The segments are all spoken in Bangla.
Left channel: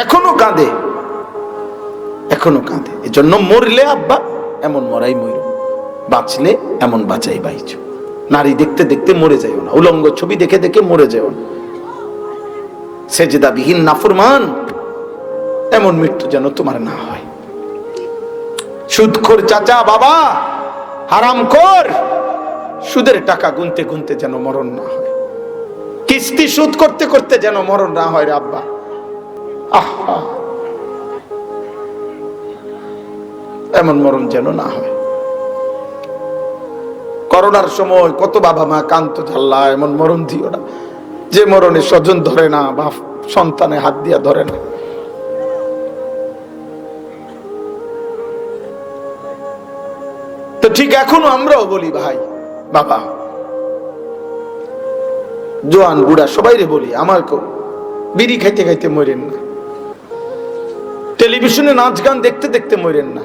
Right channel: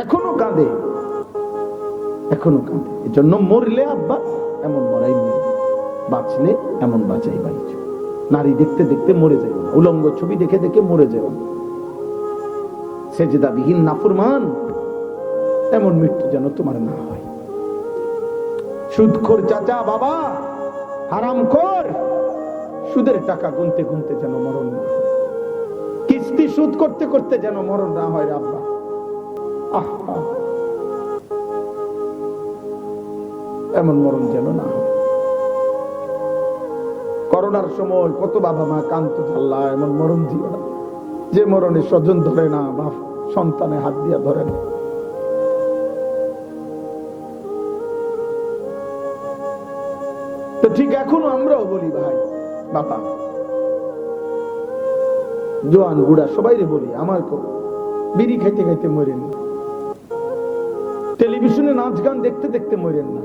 এখনো কাঁদে, এখনো কাঁদে। এজন্য মরলে আব্বা এমন মরাই মর, বাঁচলে এমন বাঁচাই বাইচ। নারী দেখতে দেখতে মরে যাও না, উলঙ্গ ছবি দেখে দেখে মরে যাও না। সেজদাবিহীন নাফরমান এমন মৃত্যু যেন তোমার না হয়। সুদখোর চাচা বাবা, হারামখোর, সুদের টাকা গুনতে গুনতে যেন মরণ না হয়, কিস্তি শোধ করতে করতে যেন মরণ না হয় রে আব্বা। আহা, এমন মরণ যেন না হয়। করোনার সময় কত বাবা মা কান্ত, জাল্লা এমন মরণ দিও না যে মরণে স্বজন ধরে না বা সন্তানে হাত দিয়া ধরে না। তো ঠিক এখনো আমরাও বলি ভাই বাবা, জোয়ান বুড়া সবাই রে বলি, আমাকে বিড়ি খাইতে খাইতে মরেন না, টেলিভিশনে নাচ গান দেখতে দেখতে মরেন না।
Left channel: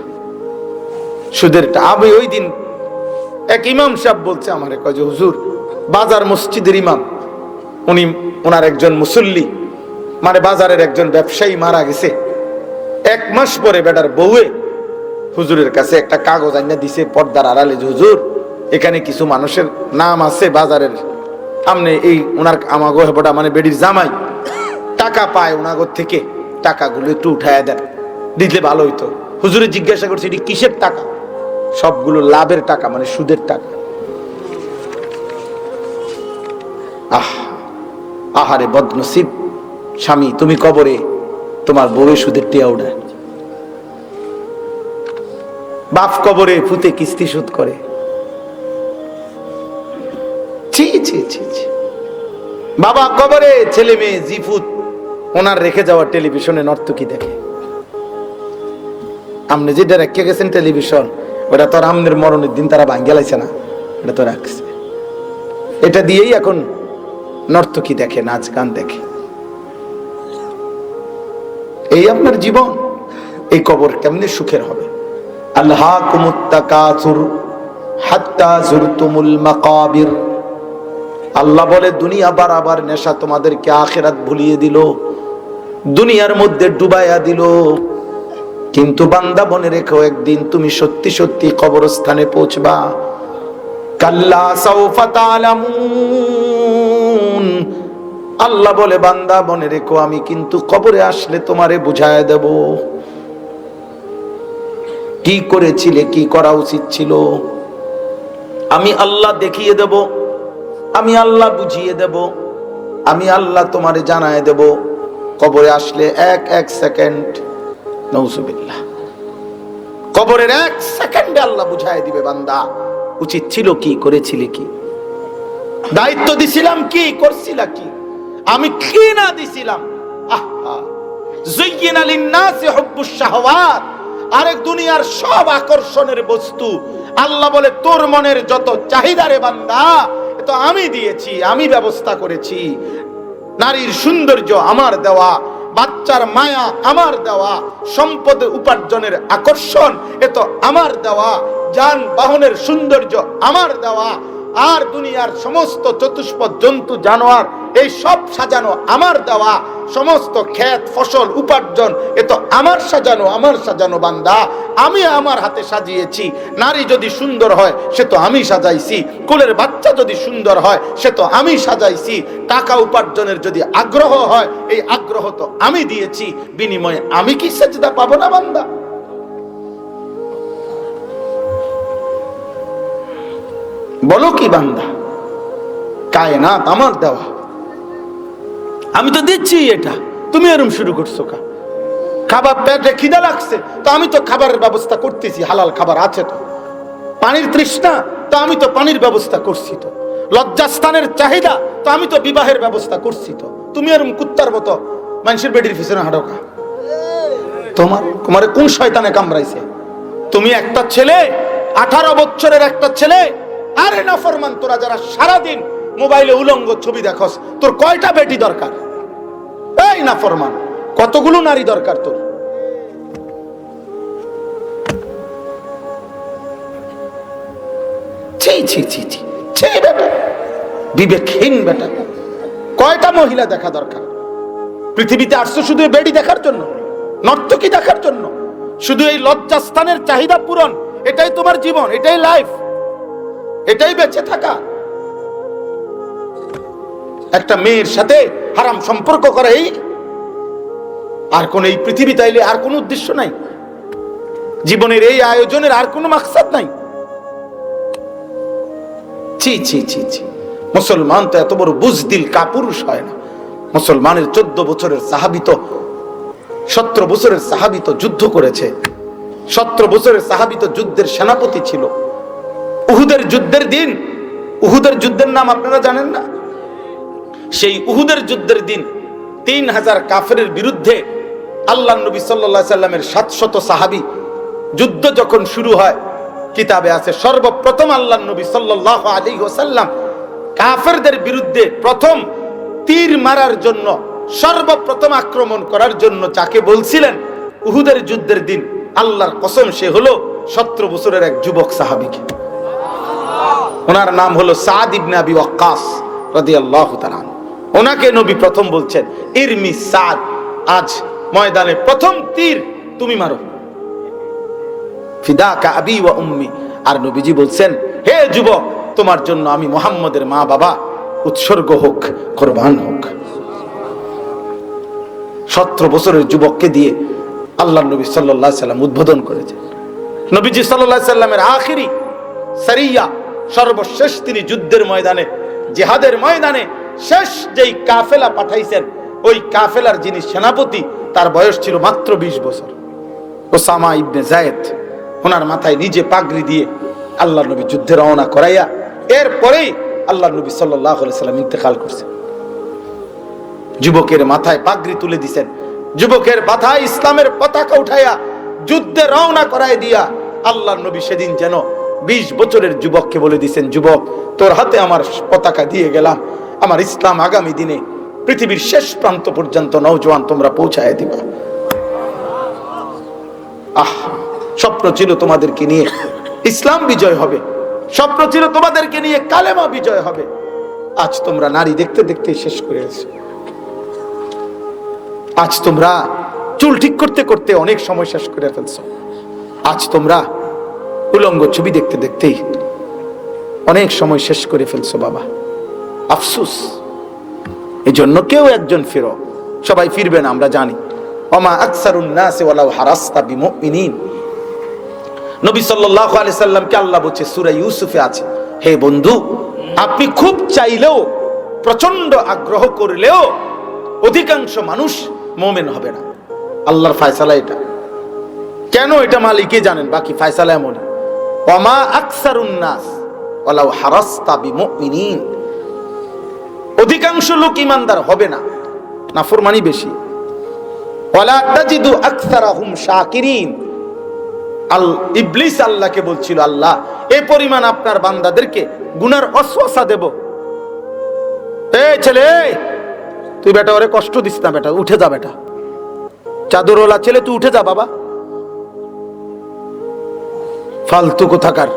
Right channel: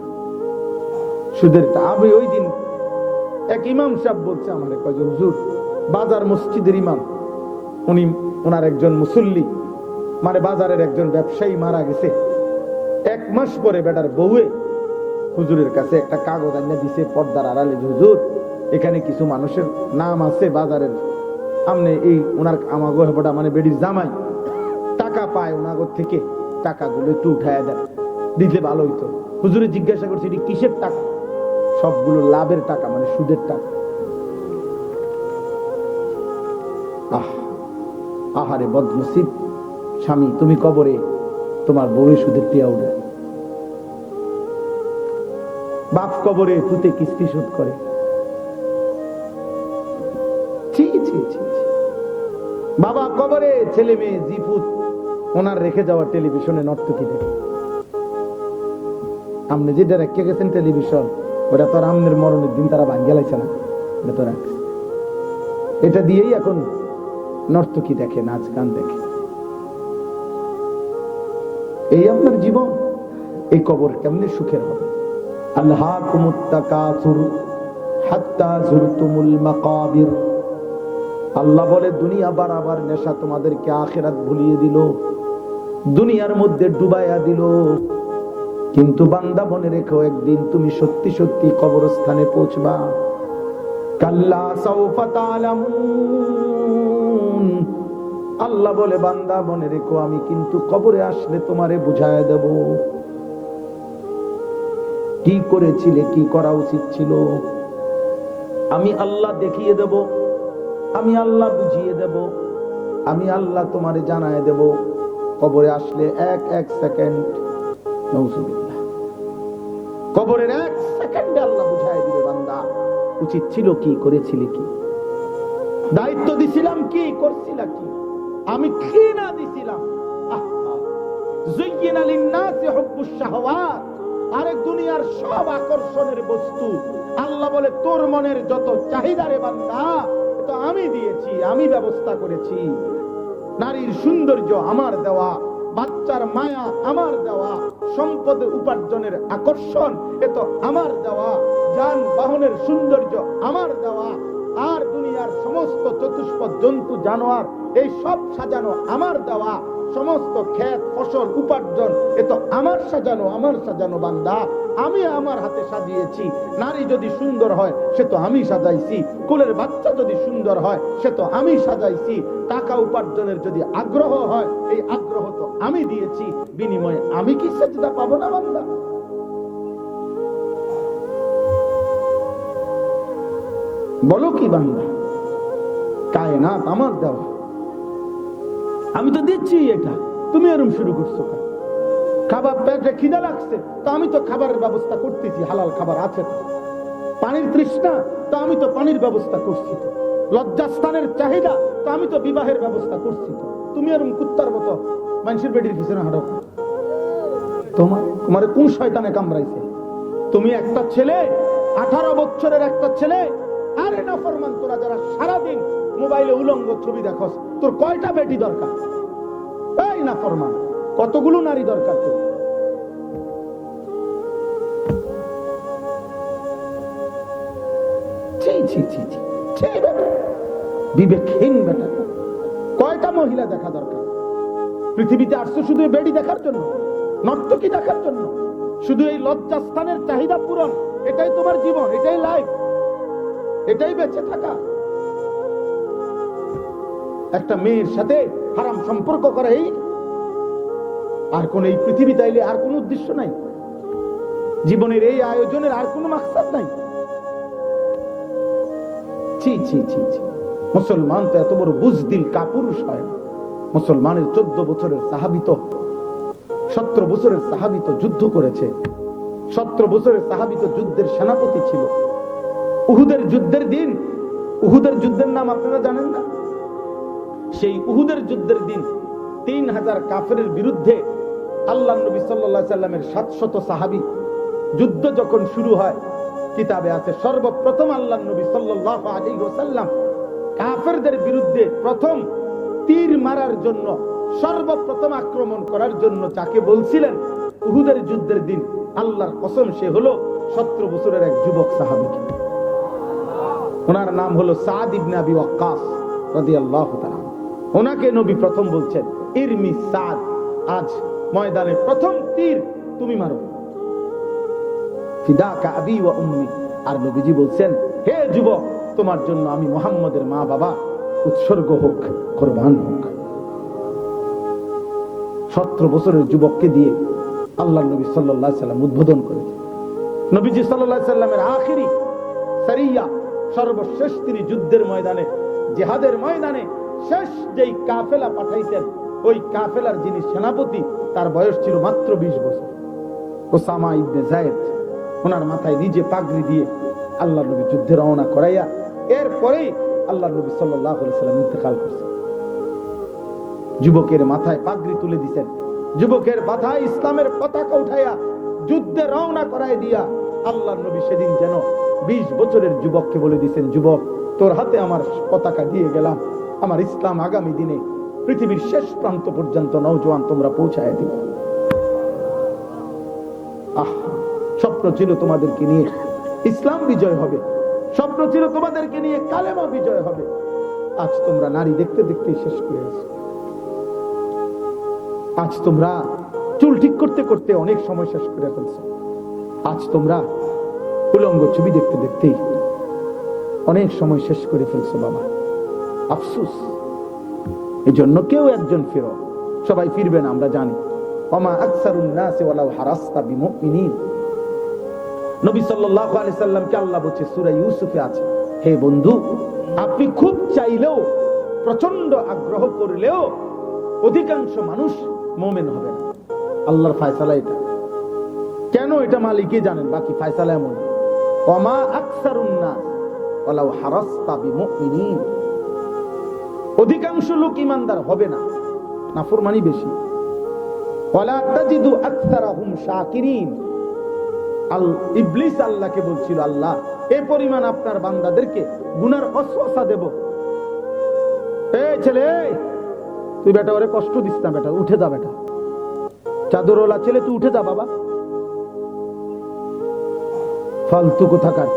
সুদের আবে ওই দিন এক ইমাম সাহেব বলছে আমারে, কয় যে হুজুর, বাজার মসজিদের ইমাম, উনি ওনার একজন মুসল্লি, মানে বাজারের একজন ব্যবসায়ী মারা গেছে। 1 মাস পরে বেটার বউয়ে হুজুরের কাছে একটা কাগজ আইনা দিছে পর্দার আড়ালে, যে হুজুর এখানে কিছু মানুষের নাম আছে বাজারের, আমনে এই ওনার আমাগো হেপটা মানে বেডির জামাই টাকা পায় ওনাগর থেকে, টাকাগুলো একটু উঠায় দেন, দিলে ভালো হইতো। হুজুরে জিজ্ঞাসা করছে এটি কিসের টাকা? সবগুলো লাভের টাকা, মানে সুদের টাকা। আহারে বদনসিব স্বামী, তুমি কবরে তোমার বউ সুদের টিয়া উঠায়, বাপ কবরে ফুতে কিস্তি শোধ করে। ছি ছি ছি ছি। বাবা কবরে ছেলে মেয়ে জিফুত ওনার রেখে যাওয়া টেলিভিশনে নর্তকী দেখে। আমনে যেটা রেখে গেছেন টেলিভিশন, ওটা তোর আমনের মরণের দিন তারা ভাঙ্গে লাইছে না, এটা তো রাখছে। এটা দিয়েই এখন নর্তকী দেখে, নাচ গান দেখে। এই আপনার জীবন, এই কবর কেমনে সুখের হবে? আল্লাহকুমুত তাকাসুর হাত্তা যুরতুমুল মাকাবির। আল্লাহ বলে দুনিয়া বারবার নেশা তোমাদেরকে আখিরাত ভুলিয়ে দিল, দুনিয়ার মধ্যে ডুবাইয়া দিল। কিন্তু বান্দা মনে রেখো, একদিন তুমি সত্যি সত্যি কবরস্থানে পৌঁছবা। কাল্লা সাউফা তা'লামুন। আল্লাহ বলে বান্দা মনে রেখো, আমি কিন্তু কবরে আসলে তোমারে বুঝায় দেব কি করেছিলে, কি করা উচিত ছিল। আমি আল্লাহ দেখিয়ে দেব, আমি আল্লাহ বুঝিয়ে দেব, আমি আল্লাহ তোমারে জানায় দেব। কবরে আসলে এক সেকেন্ড, নাউজুবিল্লাহ, কবরের 1 সেকেন্ডে আল্লাহ বুঝায় দিবে বান্দা উচিত ছিল কি, করেছিলে কি, দায়িত্ব দিছিলাম কি, করছিলা কি, আমি কি না দিছিলাম। যুয়্যিনা লিন-নাসি হুব্বুশ শাহওয়াত। আরেক দুনিয়ার সব আকর্ষণের বস্তু আল্লাহ বলে তোর মনের যত চাহিদা রে বান্দা, তো আমি দিয়েছি, আমি ব্যবস্থা করেছি। নারীর সৌন্দর্য আমার দেওয়া, বাচ্চার মায়া আমার দেওয়া, সম্পদ উপার্জনের আকর্ষণ এ তো আমার দেওয়া, যানবাহনের সৌন্দর্য আমার দেওয়া, আর দুনিয়ার সমস্ত চতুষ্পদ জন্তু জানোয়ার এই সব সাজানো আমার দেওয়া, সমস্ত ক্ষেত ফসল উপার্জন এ তো আমার সাজানো, আমার সাজানো বান্দা, আমি আমার হাতে সাজিয়েছি। নারী যদি সুন্দর হয় সে তো আমি সাজাইছি, কোলের বাচ্চা যদি সুন্দর হয় সে তো আমি সাজাইছি, টাকা উপার্জনের যদি আগ্রহ হয় এই আগ্রহ তো আমি দিয়েছি, বিনিময়ে আমি কি সেজদা পাবো না বান্দা? বলো কি বান্দা? কায়নাত আমার দেওয়া, আমি তো দিচ্ছি, এটা তুমি এরকম শুরু করছো কা? খাবার পেটে খিদা লাগছে তো আমি তো খাবারের ব্যবস্থা করতেছি, হালাল খাবার আছে তো। পানির তৃষ্ণা তো আমি তো পানির ব্যবস্থা করছি তো। লজ্জাস্থানের চাহিদা তো আমি তো বিবাহের ব্যবস্থা করছি তো। তুমি এরকম কুত্তার মতো মানুষের বেডির পিছনে হাঁটো কা? তোমার কোন শয়তানে কামড়াইছে? তুমি একটা ছেলে, 18 বছরের একটা ছেলে, আরে নাফরমান তোরা যারা সারাদিন মোবাইলে উলঙ্গ ছবি দেখোস, তোর কয়টা বেটি দরকার? এই নাফরমান, কতগুলো নারী দরকার তোর? ছি ছি ছি ছি ছি বেটা, বিবেকহীন বেটা, কয়টা মহিলা দেখা দরকার? পৃথিবীতে আসছো শুধু এই বেডি দেখার জন্য, নর্তকী দেখার জন্য, শুধু এই লজ্জাস্থানের চাহিদা পূরণ, এটাই তোমার জীবন, এটাই লাইফ, এটাই বেঁচে থাকা। একটা মেয়ের সাথে হারাম সম্পর্ক করা, এই আর কোন এই পৃথিবী তাইলে আর কোন উদ্দেশ্য নাই, জীবনের এই আয়োজনের আর কোনো মাকসাদ নাই। ছি ছি ছি ছি, মুসলমান তো এত বড় বুজদিল কাপুরুষ হয় না। মুসলমানের 14 বছরের সাহাবী তো 17 বছরের সাহাবী তো যুদ্ধ করেছে, 17 বছরের সাহাবী তো যুদ্ধের সেনাপতি ছিল। উহুদের যুদ্ধের দিন, উহুদের যুদ্ধের নাম আপনারা জানেন না? সেই উহুদের যুদ্ধের দিন 3000 কাফেরের বিরুদ্ধে আল্লাহর নবী সাল্লাল্লাহু আলাইহি সাল্লামের 700 সাহাবী যুদ্ধ যখন শুরু হয়, কিতাবে আছে সর্বপ্রথম আল্লাহর নবী সাল্লাল্লাহু আলাইহি ওয়াসাল্লাম কাফেরদের বিরুদ্ধে প্রথম তীর মারার জন্য, সর্বপ্রথম আক্রমণ করার জন্য যাকে বলছিলেন উহুদের যুদ্ধের দিন, আল্লাহর কসম সে হলো 17 বছরের এক যুবক সাহাবী। ওনার নাম হলো সাদ ইবনে আবি ওয়াক্কাস রাদিয়াল্লাহু তাআলা। ওনাকে নবী প্রথম বলছেন, ইরমি সাদ, আজ ময়দানে প্রথম তীর তুমি মারো, ফিদাকা আবি ওয়া উম্মি। আর নবীজি বলছেন, হে যুবক, তোমার জন্য আমি মুহাম্মদের মা বাবা উৎসর্গ হোক, কুরবান হোক। 17 বছরের যুবককে দিয়ে আল্লাহর নবী সাল্লাল্লাহু আলাইহি সাল্লাম উদ্বোধন করেছেন। নবীজি সাল্লাল্লাহু আলাইহি সাল্লামের আখিরি সারিয়া, সর্বশেষ তিনি যুদ্ধের ময়দানে, জিহাদের ময়দানে শেষ যেই কাফেলা পাঠাইছেন, ওই কাফেলার যিনি সেনাপতি, তার বয়স ছিল মাত্র 20 বছর, ওসামা ইবনে যায়েদ। ওনার মাথায় নিজে পাগড়ি দিয়ে আল্লাহর নবী যুদ্ধে রওনা করাইয়া এরপরেই আল্লাহর নবী সাল্লাল্লাহু আলাইহি সাল্লাম ইন্তেকাল করছেন। যুবকের মাথায় পাগড়ি তুলে দিয়েছেন, যুবকের মাথায় ইসলামের পতাকা উঠাইয়া যুদ্ধে রওনা করাই দিয়া আল্লাহর নবী সেদিন যেন 20 বছরের যুবককে বলে দিয়েছেন, যুবক, তোর হাতে আমার পতাকা দিয়ে গেলাম, আমার ইসলাম আগামী দিনে পৃথিবীর শেষ প্রান্ত পর্যন্ত নওজোয়ান তোমরা পৌঁছায় দিবা। স্বপ্ন ছিল তোমাদেরকে নিয়ে ইসলাম বিজয় হবে, স্বপ্ন ছিল তোমাদেরকে নিয়ে কালেমা বিজয় হবে। আজ তোমরা নারী দেখতে দেখতেই শেষ করে আছো। আজ তোমরা চুল ঠিক করতে করতে অনেক সময় শেষ করে ফেলছো। আজ তোমরা উলঙ্গ ছবি দেখতে দেখতেই অনেক সময় শেষ করে ফেলছো। বাবা, আফসোস। এই জন্য কেউ একজন ফিরো, সবাই ফিরবে না, আমরা জানি। ওমা আকসারুন নাসি ওয়ালাউ হারাসতা বিমুমিনিন। নবী সাল্লাল্লাহু আলাইহি সাল্লামকে আল্লাহ বলছে সূরা ইউসুফে আছে, হে বন্ধু, আপনি খুব চাইলেও, প্রচন্ড আগ্রহ করলেও অধিকাংশ মানুষ মুমিন হবে না। আল্লাহর ফয়সালা এটা। কেন এটা মালিকই জানেন, বাকি ফয়সালা এমনই। ওমা আকসারুন নাস ওয়ালাউ হারাসতা বিমুমিনিন। অধিকাংশ লোক ইমানদার হবে না, নাফরমানি বেশি। ওয়ালা তাজিদু আকসারাহুম শাকিরিন। ইবলিস আল্লাহকে বলছিল, আল্লাহ, এই পরিমাণ আপনার বান্দাদেরকে গুনার ওয়াসওয়াসা দেব। এই ছেলে, তুই বেটা ওরে কষ্ট দিস না, বেটা উঠে যা, বেটা চাদরওয়ালা ছেলে, তুই উঠে যা বাবা, ফালতু কোথাকার।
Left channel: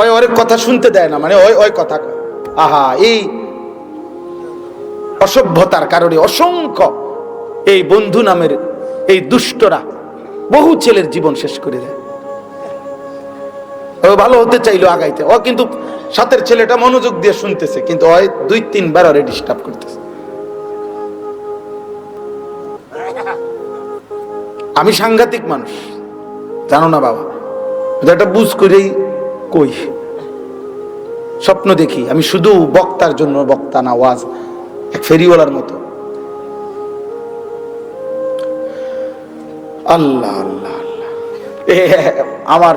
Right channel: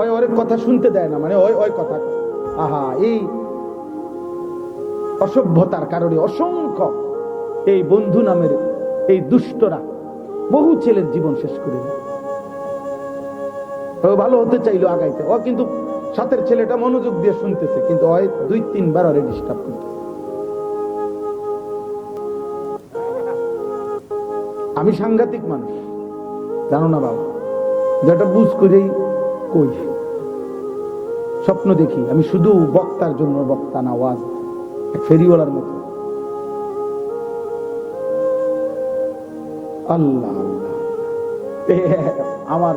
ওই ওর কথা শুনতে দেয় না, মানে ওই ওই কথা। আহা, এই অসভ্যতার কারণে অসংখ্য এই বন্ধু নামের এই দুষ্টরা বহু ছেলের জীবন শেষ করে দেয়। ও ভালো হতে চাইলো আগাইতে, ও কিন্তু সাথের ছেলেটা মনোযোগ দিয়ে শুনতেছে, কিন্তু ওই 2-3 বার ওরে ডিস্টার্ব করতেছে। আমি সাংঘাতিক মানুষ, জানো না বাবা, যেটা বুঝ করেই কই। স্বপ্ন দেখি আমি শুধু বক্তার জন্য, বক্তা না, ওয়াজ ফেরিওয়ালার মতো। আল্লাহ আল্লাহ আল্লাহ। আমার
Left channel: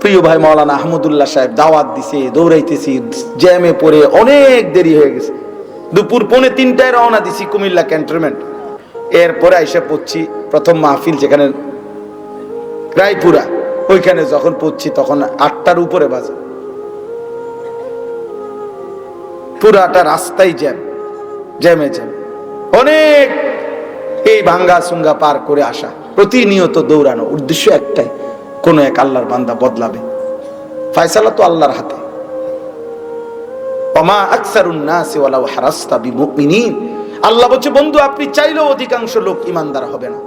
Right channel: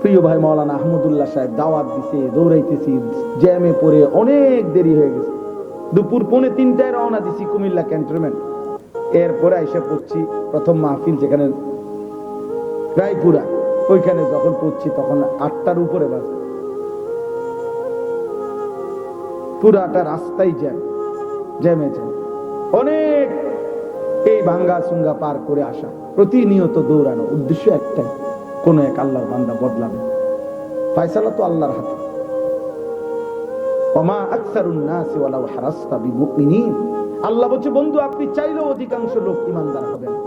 প্রিয় ভাই মাওলানা আহমদুল্লাহ সাহেব দাওয়াত দিছে, দৌড়াইতেছি, জ্যামে পড়ে অনেক দেরি হয়ে গেছে। দুপুর 2:45টায় রওনা দিছি কুমিল্লা ক্যান্টনমেন্ট। এরপরে আইসা পড়ছি প্রথম মাহফিল যেখানে রায়পুরা, ওইখানে যখন পড়ছি তখন 8টার উপরে বাজে। পুরাটা রাস্তায় জ্যাম, জ্যামে জ্যাম, অনেক এই ভাঙ্গা সুঙ্গা পার করে আসা, প্রতিনিয়ত দৌড়ানো, উদ্দেশ্য একটাই, কোন এক আল্লাহর বান্দা বদলাবে। ফয়সালা তো আল্লাহর হাতে। ওমা আকসারুন নাসি ওয়ালাউ হারাসতা বিমুমিনিন। আল্লাহ বলছে বন্ধু আপনি চাইলেও অধিকাংশ লোক ইমানদার হবে না।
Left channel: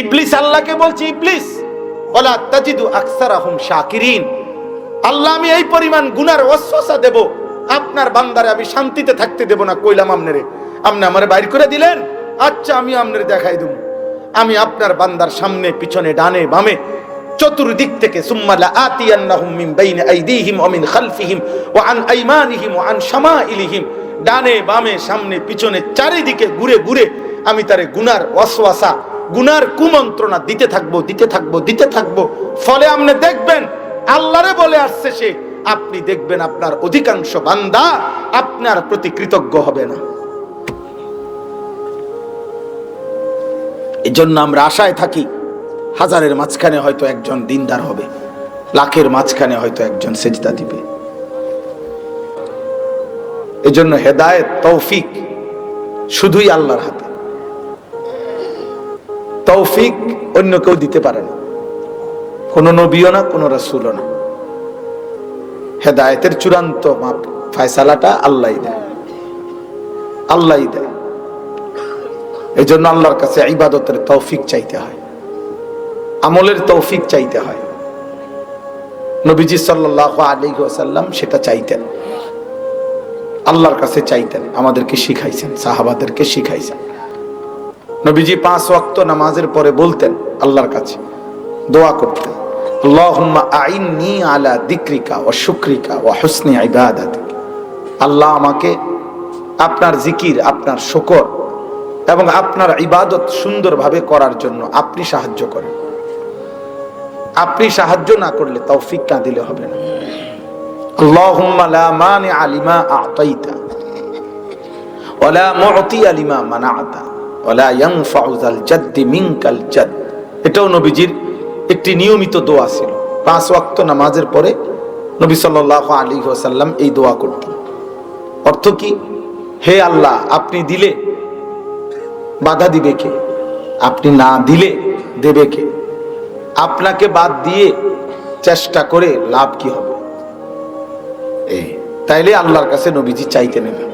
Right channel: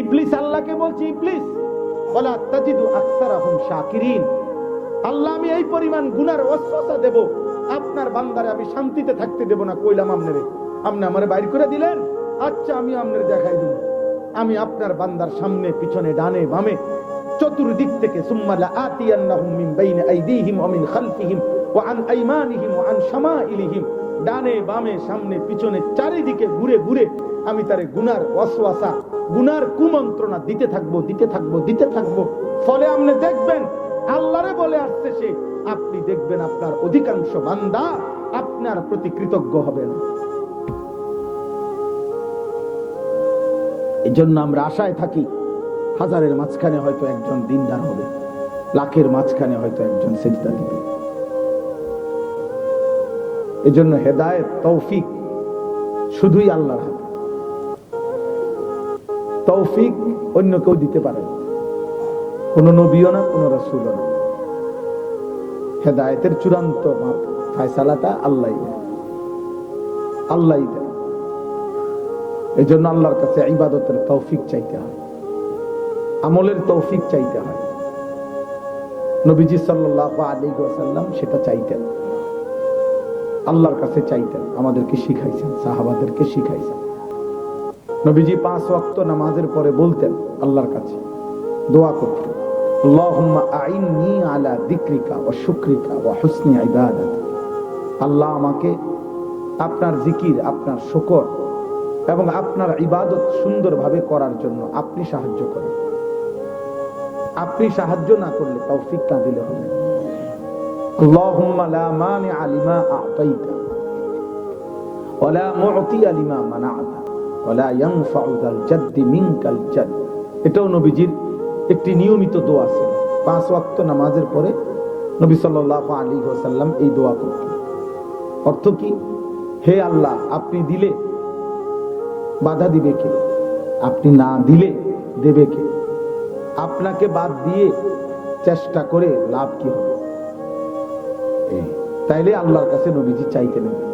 ইবলিস আল্লাহকে বলছে, ইবলিস ওয়ালা তাজিদু আকসারাহুম শাকিরিন, আল্লাহ আমি এই পরিমাণ গুনার ওয়াসওয়াসা দেব, আপনার বান্দারে আমি শান্তিতে থাকতে দেব না। কইলাম আমনেরে, আপনি আমারে বাইর করে দিলেন, আচ্ছা আমি আপনারে দেখাই দেব, আমি আপনার বান্দার সামনে পিছনে ডানে বামে চতুর্দিক থেকে সুম্মা লাআতিয়ান্নাহুম মিন বাইনি আইদিহিম ওয়া মিন খালফিহিম ওয়া আন আইমানিহিম ওয়া আন শামাইলিহিম, ডানে বামে সামনে পিছনে চারিদিকে ঘুরে ঘুরে আমি তারে গুনার ওয়াসওয়াসা, গুনার কুমন্ত্রণা দিতে থাকবো দিতে থাকবো দিতে থাকবো। ফলে আপনি দেখবেন আল্লাহরে বলে আসছে সে, আপনি দেখবেন আপনার অধিকাংশ বান্দা আপনার প্রতি কৃতজ্ঞ হবে না। এজন্য আমরা আশায় থাকি হাজারের মাঝখানে হয়তো একজন দিনদার হবে, লাখের মাঝখানে হয়তো একজন সেজদা দিবে। এজন্য হেদায়েত তৌফিক শুধুই আল্লাহর হাতে, তৌফিক অন্য কেউ দিতে পারে না, কোন নবীও না, কোন রাসূলও না। হেদায়েতের চূড়ান্ত মাপ ফয়সালাটা আল্লাহই দেয়, আল্লাহই দেয়। এজন্য আল্লাহর কাছে ইবাদতের তৌফিক চাইতে হয়, আমলের তৌফিক চাইতে হয়। নবীজি সাল্লাল্লাহু আলাইহি ওয়াসাল্লাম সেটা চাইতেন, আল্লাহর কাছে চাইতেন, আমাদেরকে শিখাইছেন, সাহাবাদেরকে শিখাইছেন। নবীজি 5 ওয়াক্ত নামাজের পরে বলতেন আল্লাহর কাছে দোয়া করতেন, আল্লাহুম্মা আইন্নি আলা যিকরিকা ওয়া শুকরিকা ওয়া হুসনি ইবাদাতিক, আল্লাহ আমাকে আপনার জিকির, আপনার শুকর এবং আপনার ইবাদত সুন্দরভাবে করার জন্য আপনি সাহায্য করেন। আপনি সাহায্য না করলে তৌফিক না দিলে হবে না। আল্লাহুম্মা লা মানিআ লিমা আ'তাইতা ওয়া লা মু'তিয়া লিমা মানা'তা ওয়া লা ইয়ানফা'ু যাল জাদ্দি মিনকাল জাদ। এটাও নবীজির একটি নিয়মিত দোয়া ছিল। 5 ওয়াক্ত নামাজের পরে নবী সাল্লাল্লাহু আলাইহি ওয়াসাল্লাম এই দোয়া করতেন। অর্থ কি? হে আল্লাহ, আপনি দিলে বাধা দিবে কে? আপনি না দিলে দেবে কে? আপনাকে বাদ দিয়ে চেষ্টা করে লাভ কি হবে? তাইলে আল্লাহর কাছে নবীজি চাইতে নেবেন।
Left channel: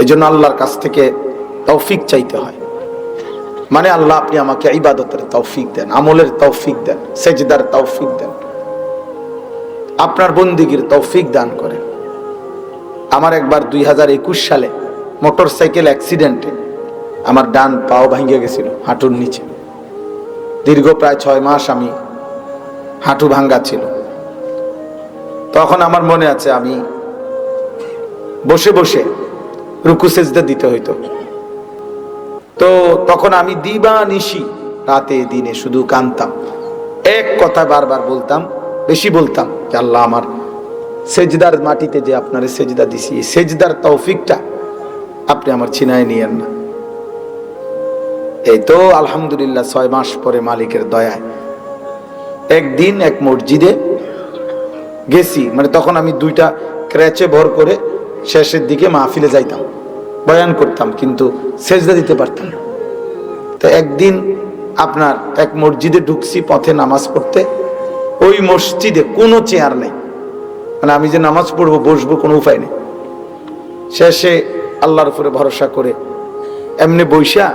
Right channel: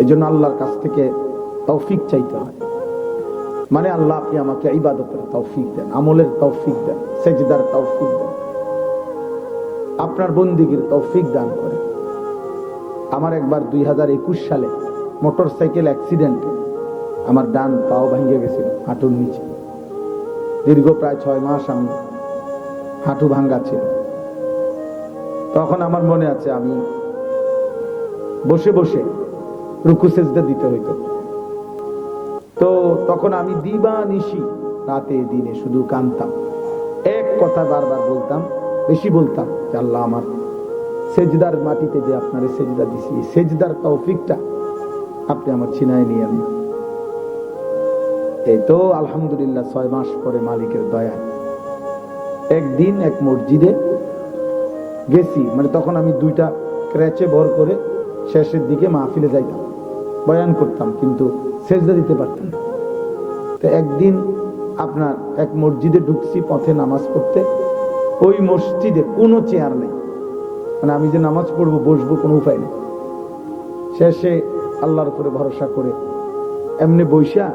এই জন্য আল্লাহর কাছ থেকে তৌফিক চাইতে হয়। মানে আল্লাহ আপনি আমাকে ইবাদতের তৌফিক দেন, আমলের তৌফিক দেন, সেজদার তৌফিক দেন, আপনার বন্দেগীর তৌফিক দান করেন। আমার একবার 2021 সালে মোটরসাইকেল অ্যাক্সিডেন্টে আমার ডান পাও ভেঙে গেছিল, হাঁটুর নিচে। দীর্ঘ প্রায় 6 মাস আমি হাঁটু ভাঙ্গা ছিল। তখন আমার মনে আছে আমি বসে বসে রুকু সেজদা দিতে হইতো। তো তখন আমি দিবানিশি রাতে দিনে শুধু কাঁদতাম, এক কথা বারবার বলতাম, বেশি বলতাম যে আল্লাহ আমার সেজদার মাটিতে যে আপনারে সেজদা দিছি, এই সেজদার তৌফিকটা আপনি আমার ছিনায় নিয়েন না। এই তো আলহামদুলিল্লাহ 6 মাস পরে মালিকের দয়ায় একদিন এক মসজিদে গেছি। মানে তখন আমি 2টা ক্র্যাচে ভর করে শেষের দিকে মাহফিলে যাইতাম, বয়ান করতাম, কিন্তু সেজদা দিতে পারতাম না। তো একদিন আপনার এক মসজিদে ঢুকছি পথে নামাজ পড়তে। ওই মসজিদে কোনো চেয়ার নেই, মানে আমি যে নামাজ পড়বো বসবো কোনো উপায় নেই। শেষে আল্লাহর উপরে ভরসা করে এমনি বইসা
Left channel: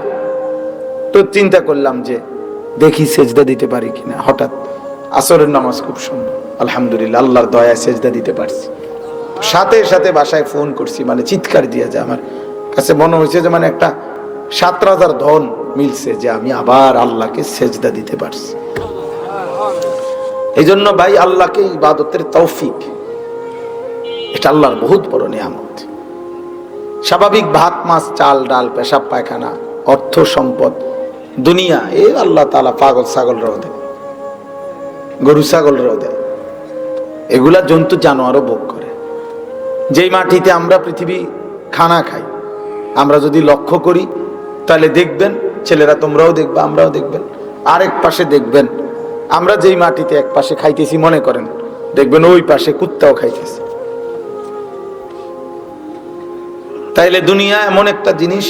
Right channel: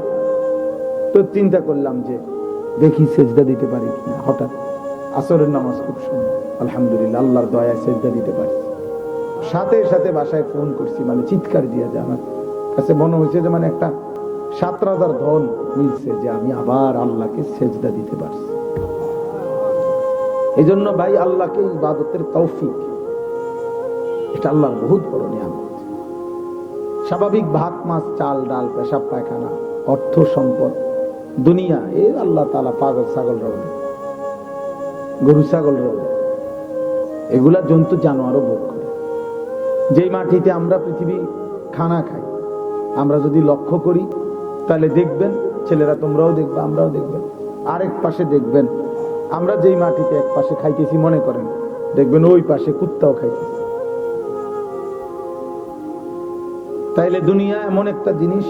তো চিন্তা করলাম যে দেখি সেজদা দিতে পারি কিনা। হঠাৎ আসরের নামাজ খুব সুন্দর, আলহামদুলিল্লাহ আল্লাহর দয়ায় সেজদা দিতে পারছি। সাথে সাথে বাসায় ফোন করছি, মানে চিৎকার দিয়ে, যে আমার কাছে মনে হয়েছে যে মানে একটা 7,000 ধন মিলছে, যে আমি আবার আল্লাহকে সেজদা দিতে পারছি। এই জন্য ভাই আল্লাহকে ইবাদতের তৌফিক, এটা আল্লাহর বহুত বড় নিয়ামত। স্বাভাবিক ভাত মাছ চাল ডাল পেশাব পায়খানা অর্থ সম্পদ দুনিয়া, এ আল্লাহ তাআলা পাগল ছাগল রোদে, গরু ছাগল রোদে, এগুলা জন্তু জানোয়ারও ভোগ করে। যেই মাটিতে আমরা পৃথিবী খানা খাই, আমরা যদি লক্ষ্য করি তাহলে দেখবেন, ছেলেরা তোমরাও দেখবে আমরাও দেখবেন, আরেক পাশে দেখবেন আমরা যেই মাটিতে এক পাশে খাইতেছি মনে করেন, দেখবেন ওই পাশে কুত্তাও খাইতেছে। তাইলে দুনিয়া এমন একটা জিনিস।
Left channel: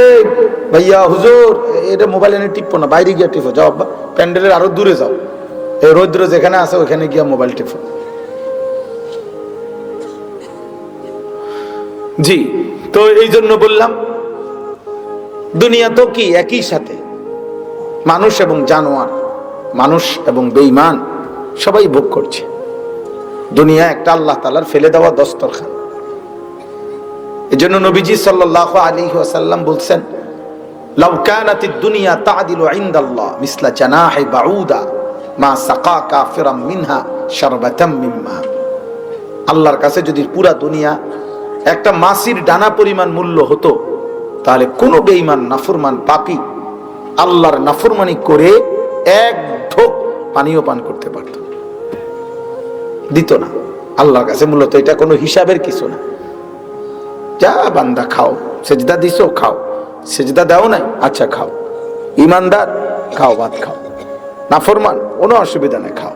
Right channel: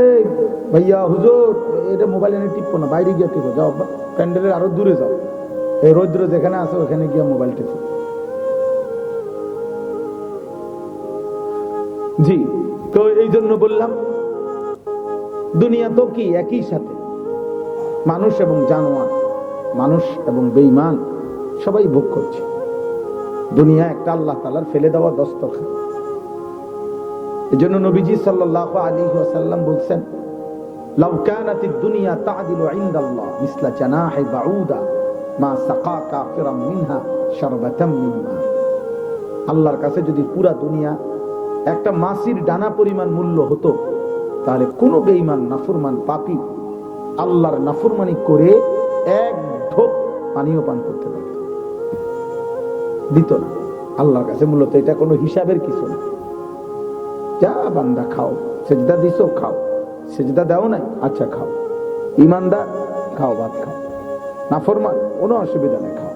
এই ভাইয়া হুজুর এটা মোবাইল এনে টিপো না, বাইরে গিয়ে টিপো, যাও প্যান্ডেলের আরো দূরে যাও, এই রৌদ্র যেখানে আছে ওখানে গিয়ে মোবাইল টিপো। জি, তো এই জন্য বললাম দুনিয়া তো কি একই সাথে, মানুষ এবং জানোয়ার, মানুষ এবং বেঈমান সবাই ভোগ করছে। দুনিয়া একটা আল্লাহ তাআলার ফেলে দেওয়া দস্তরখান। এজন্য নবীজি সাল্লাল্লাহু আলাইহি ওয়াসাল্লাম বলছেন, লাউ কানাতিদ দুনিয়া তা'দিলু ইনদাল্লাহ মিসলা জানাহি বাউদা মা সাকা কাফিরাম মিনহা শারবাতাম মিম্মা। আল্লাহর কাছে যদি পুরা দুনিয়া একটা মাছির ডানা পরিমাণ মূল্য হতো, তাহলে কোনো বেঈমান নাফরমান পাপী আল্লাহর নাফরমানি করে এক ঢোক পানিও পান করতে পারত, দিত না। আল্লাহর কাছে মূলত এটা কোনো হিসাবের কিছু না। যা বান্দা খাও, সেজদা দিছো খাও, সেজদা দাও নাই আচ্ছা খাও, ইমানদার খাও, ভাত খাও, নাফরমান কোনো অসুবিধা নাই খাও,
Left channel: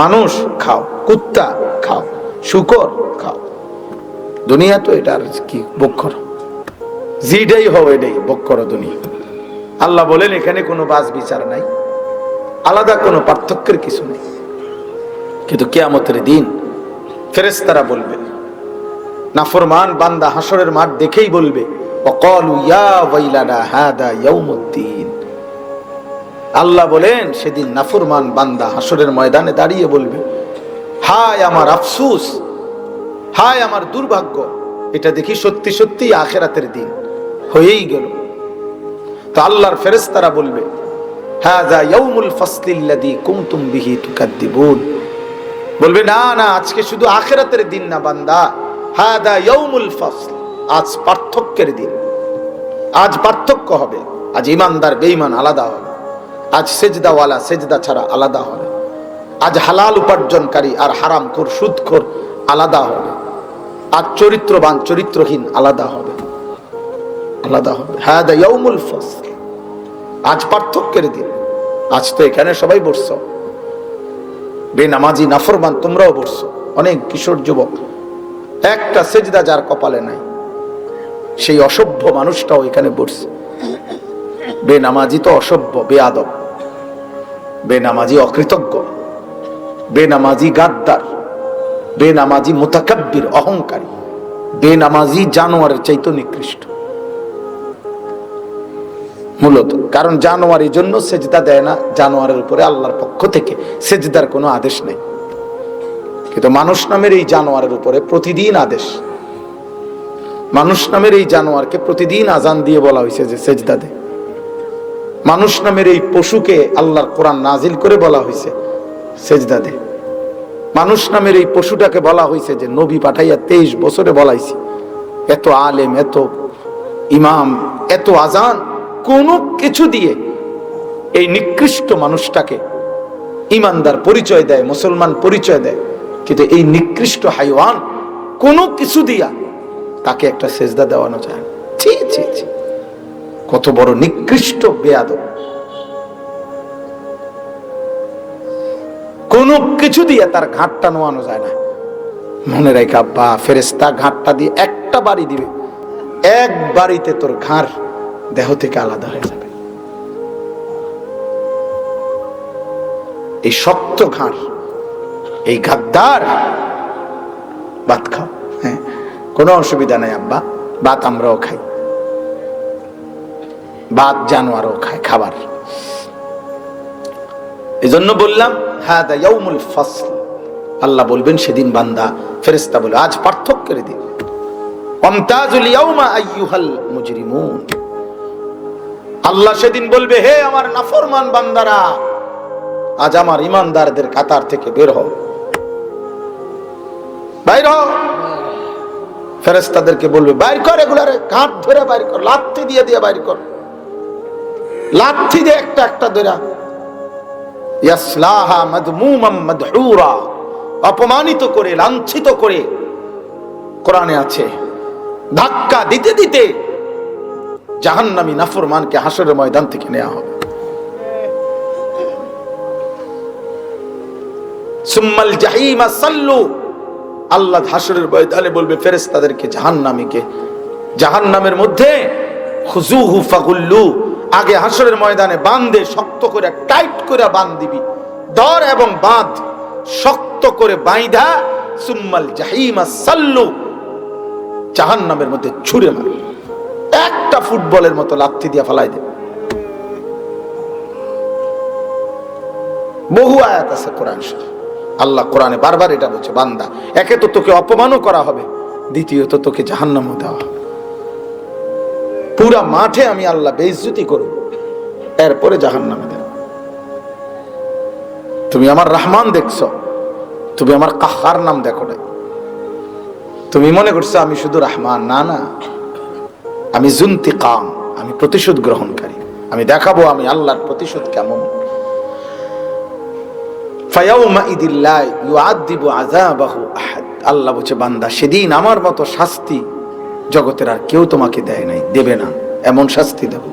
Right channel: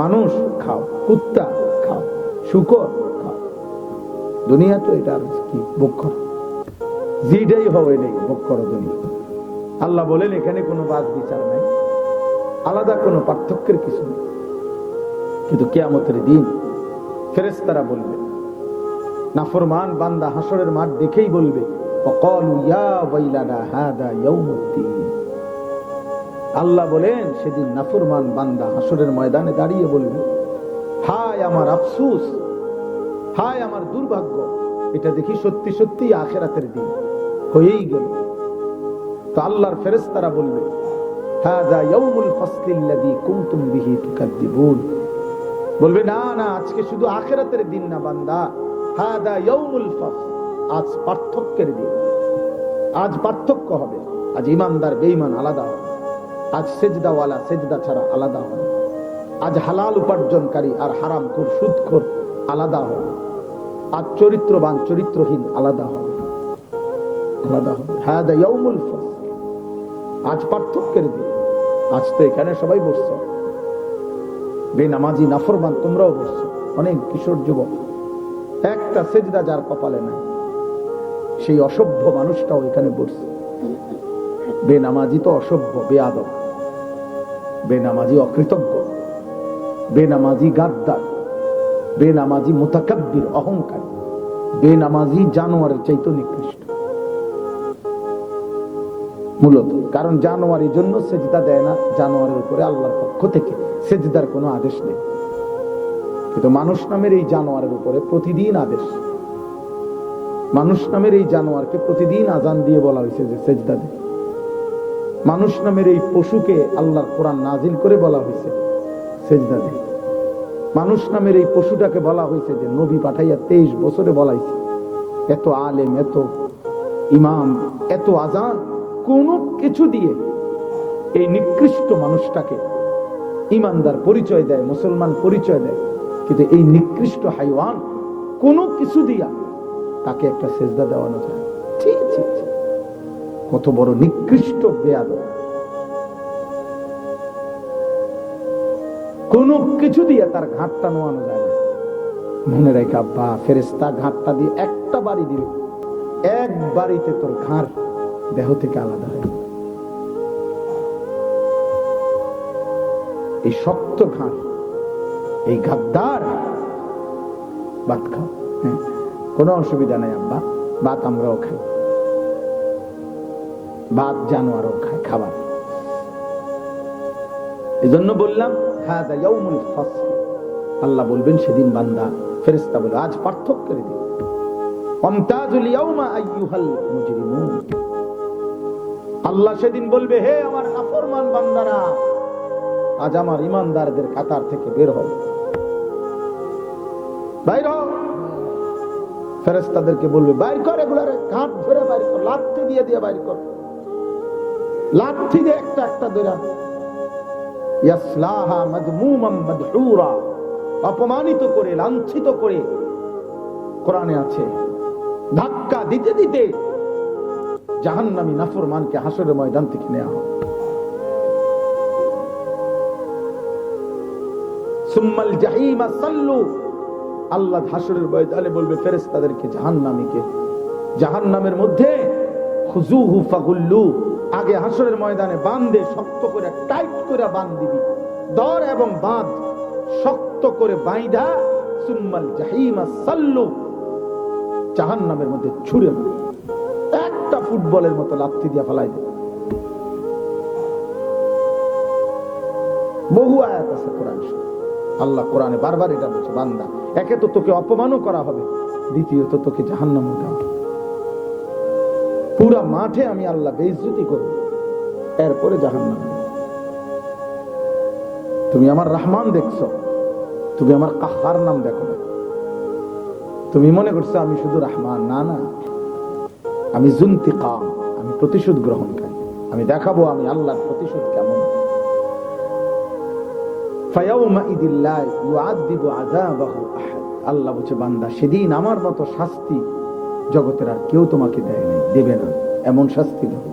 মানুষ খাও, কুত্তা খাও, শুকর খাও। দুনিয়া তো এটা আর কি, ভোগ করো, যেটাই হোক এটাই ভোগ করো দুনিয়া। আল্লাহ বলেন এখানে কোনো বাস বিচার নাই, আলাদা কোনো পার্থক্যের কিছু নেই। কিন্তু কিয়ামতের দিন ফেরেশতারা বলবে, নাফরমান বান্দা হাসরের মাঠ দেখেই বলবে, ওয়াকালু ইয়া ওয়াইলানা হাদা ইয়াউমুদ্দিন। আল্লাহ বলেন সেদিন নাফরমান বান্দা হাসরের ময়দানে দাঁড়িয়ে বলবে, হায় আমার আফসোস, হায় আমার দুর্ভাগ্য, এটা দেখি সত্যি সত্যি আখিরাতের দিন হয়েই গেল। তো আল্লাহর ফেরেশতারা বলবে, হাযা ইয়াউমুল ফাসলিল্লাযী কুনতুম বিহি তুকাদ্দিবুন। বলবে না না, আজকে শুধু আখিরাতের দিন না বান্দা, হাযা ইয়াউমুল ফাসল, আজ পার্থক্যের দিন। আজ পার্থক্য হবে, আজ ইমানদার বেঈমান আলাদা হবে, আজ সেজদাওয়ালা সেজদা ছাড়া আলাদা হবে, আজ হালাল উপার্জনকারী আর হারামখোর সুদখোর আলাদা হবে, আজ চরিত্রবান চরিত্রহীন আলাদা হবে, আলাদা হবে। হাদা ইয়াউমুল ফাসল, আজ পার্থক্যের দিন। আজ তো এখানে সবাই বসছো, বেনামাজি নাফরমান তোমরাও বসছো, অনেক কিশোর যুবক, একটা সেজদা যার কপালে নাই, সেই অসভ্য মানুষটাও এখানে বসছে। বেনামাজি তো অসভ্য, বেয়াদব, বেনামাজি অকৃতজ্ঞ, বেনামাজি গাদ্দার, বেনামাজি মুতাকাব্বির অহংকারী, বেনামাজি জানোয়ারের চাইতে নিকৃষ্ট মূলত। কারণ জানোয়ার এই জন্য সেজদা দেয় না, জানোয়ারের উপরে আল্লাহর পক্ষ থেকে সেজদার কোনো আদেশ নেই। কিন্তু মানুষ নামের এই জানোয়ারের উপরে প্রতিদিন আদেশ। মানুষ নামের এই জানোয়ারকে প্রতিদিন আজান দিয়ে বলা হয়েছে যে সেজদা দে। মানুষ নামের এই পশুকে আল্লাহর কোরআন নাজিল করে বলা হয়েছে সেজদা দে। মানুষ নামের এই পশুটাকে বলা হয়েছে যে নবী পাঠাইয়া 23 বছরে বলাইছি। এত আলেম, এত ইমাম, এত আজান, কোনো কিছু দিয়ে এই নিকৃষ্ট মানুষটাকে ইমানদার পরিচয় দেয়, মুসলমান পরিচয় দেয়, কিন্তু এই নিকৃষ্ট হাইওয়ান কোনো কিছু দিয়া তাকে একটা সেজদা দেওয়ানো যায়। ছি ছি ছি, কত বড় নিকৃষ্ট বেয়াদব। কোনো কিছু দিয়ে তার ঘাটটা নোয়ানো যায় না। মনে রাখা বা ফেরেশতা ঘাটটা দিয়ে একটা বাড়ি দিবে, এক বাড়িতে তোর ঘাড় দেহ থেকে আলাদা হয়ে যাবে। এই শক্ত ঘাড়, এই গাদ্দার, ভাত খাও, হ্যাঁ কোনো অসুবিধা নাই আব্বা, ভাত আমরাও খাই, ভাত জানোয়ারও খায় খাবার। এজন্য বললাম হাদা ইয়াউমুল ফাসল। আল্লাহ বলবেন সেদিন বান্দা, ফেরেশতা বলে আজ পার্থক্যের দিন। ওয়ামতাজুল ইয়াউমা আইয়ুহাল মুজরিমুন। আল্লাহ সেদিন বলবে, হে আমার নাফরমান বান্দারা, আজ আমার ইমানদারদের কাতার থেকে বের হও, বাইর হও। ফেরেশতাদেরকে বলবে বাইর কর, এগুলারে কাঠ ধরে বাইর কর, লাঠি দিয়ে দিয়ে বাইর কর, লাঠি দিয়ে একটা একটা ধরে। ইয়াসলাহা মাদমুমান মাদহুরা, অপমানিত করে, লাঞ্ছিত করে, কোরআনে আছে ধাক্কা দিতে দিতে জাহান্নামী নাফরমানকে হাসরের ময়দান থেকে নেওয়া হবে। সুম্মাল জাহিমা সাল্লু। আল্লাহ হাসরের ময়দানে বলবে ফেরেশতাদেরকে, জাহান্নামীকে জাহান্নামের মধ্যে খুজুহু ফাগুল্লু, আগে হাসরের ময়দানে বাঁধে, শক্ত করে টাইট করে বাঁধ দিবি, দর এবং বাঁধ শক্ত করে বাইধা, সুম্মাল জাহিমা সাল্লু, জাহান্নামের মধ্যে ছুঁড়ে মারবে, একটা ফুটবলের মতো লাথি দিয়ে ফেলাই দেবে। বহু আয়াত আছে কোরআন শরীফ, আল্লাহ কোরআনে বারবার এটা বলছে, বান্দা একে তো তোকে অপমানও করা হবে, দ্বিতীয়ত তোকে জাহান্নামে দেওয়া হবে। পুরা মাঠে আমি আল্লাহ বেইজ্জতি করব, এরপরে জাহান্নামে দেব। তুমি আমার রহমান দেখছো, তুমি আমার কাহ্হার নাম দেখো না। তুমি মনে করছো আমি শুধু রহমান, না না, আমি যুনতিকাম, আমি প্রতিশোধ গ্রহণকারী। আমি দেখাবো আমি আল্লাহর প্রতিশোধ কেমন। আল্লাহ বলছে, বান্দা সেদিন আমার মতো শাস্তি জগতের আর কেউ তোমাকে দেয় নাই, দেবে না, এমন শাস্তি দেব।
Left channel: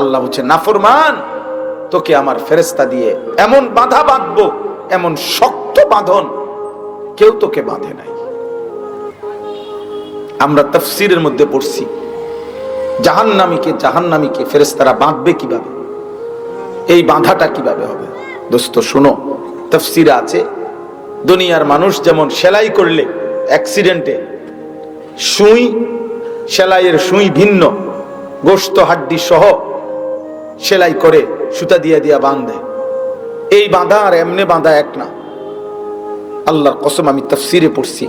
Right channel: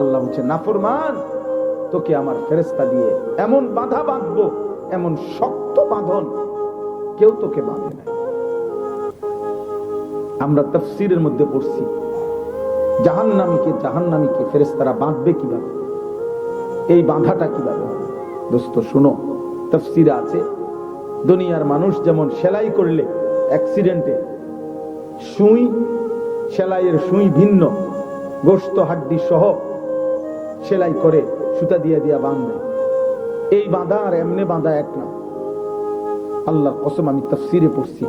আল্লাহ বলছে, নাফরমান তোকে আমার ফেরেশতা দিয়ে এমন বাঁধা বাঁধবো, এমন শক্ত বাঁধন কেউ তোকে বাঁধে নাই। আমরা তাফসীরের মধ্যে পড়ছি জাহান্নামীকে ফেরেশতারা বাঁধবে কিভাবে, এই বাঁধাটা কিভাবে হবে। দোস্ত শুনো, তাফসীরে আছে দুনিয়ার মানুষ যেমন সেলাই করলে অ্যাক্সিডেন্টে সুই, সেলাইয়ের সুই ভিন্ন, গোশত হাড্ডি সহ সেলাই করে সুতা দিয়ে দিয়া বাঁধে, এই বাঁধা আর এমনি বাঁধা এক না। আল্লাহর কসম, আমি তাফসীরে পড়ছি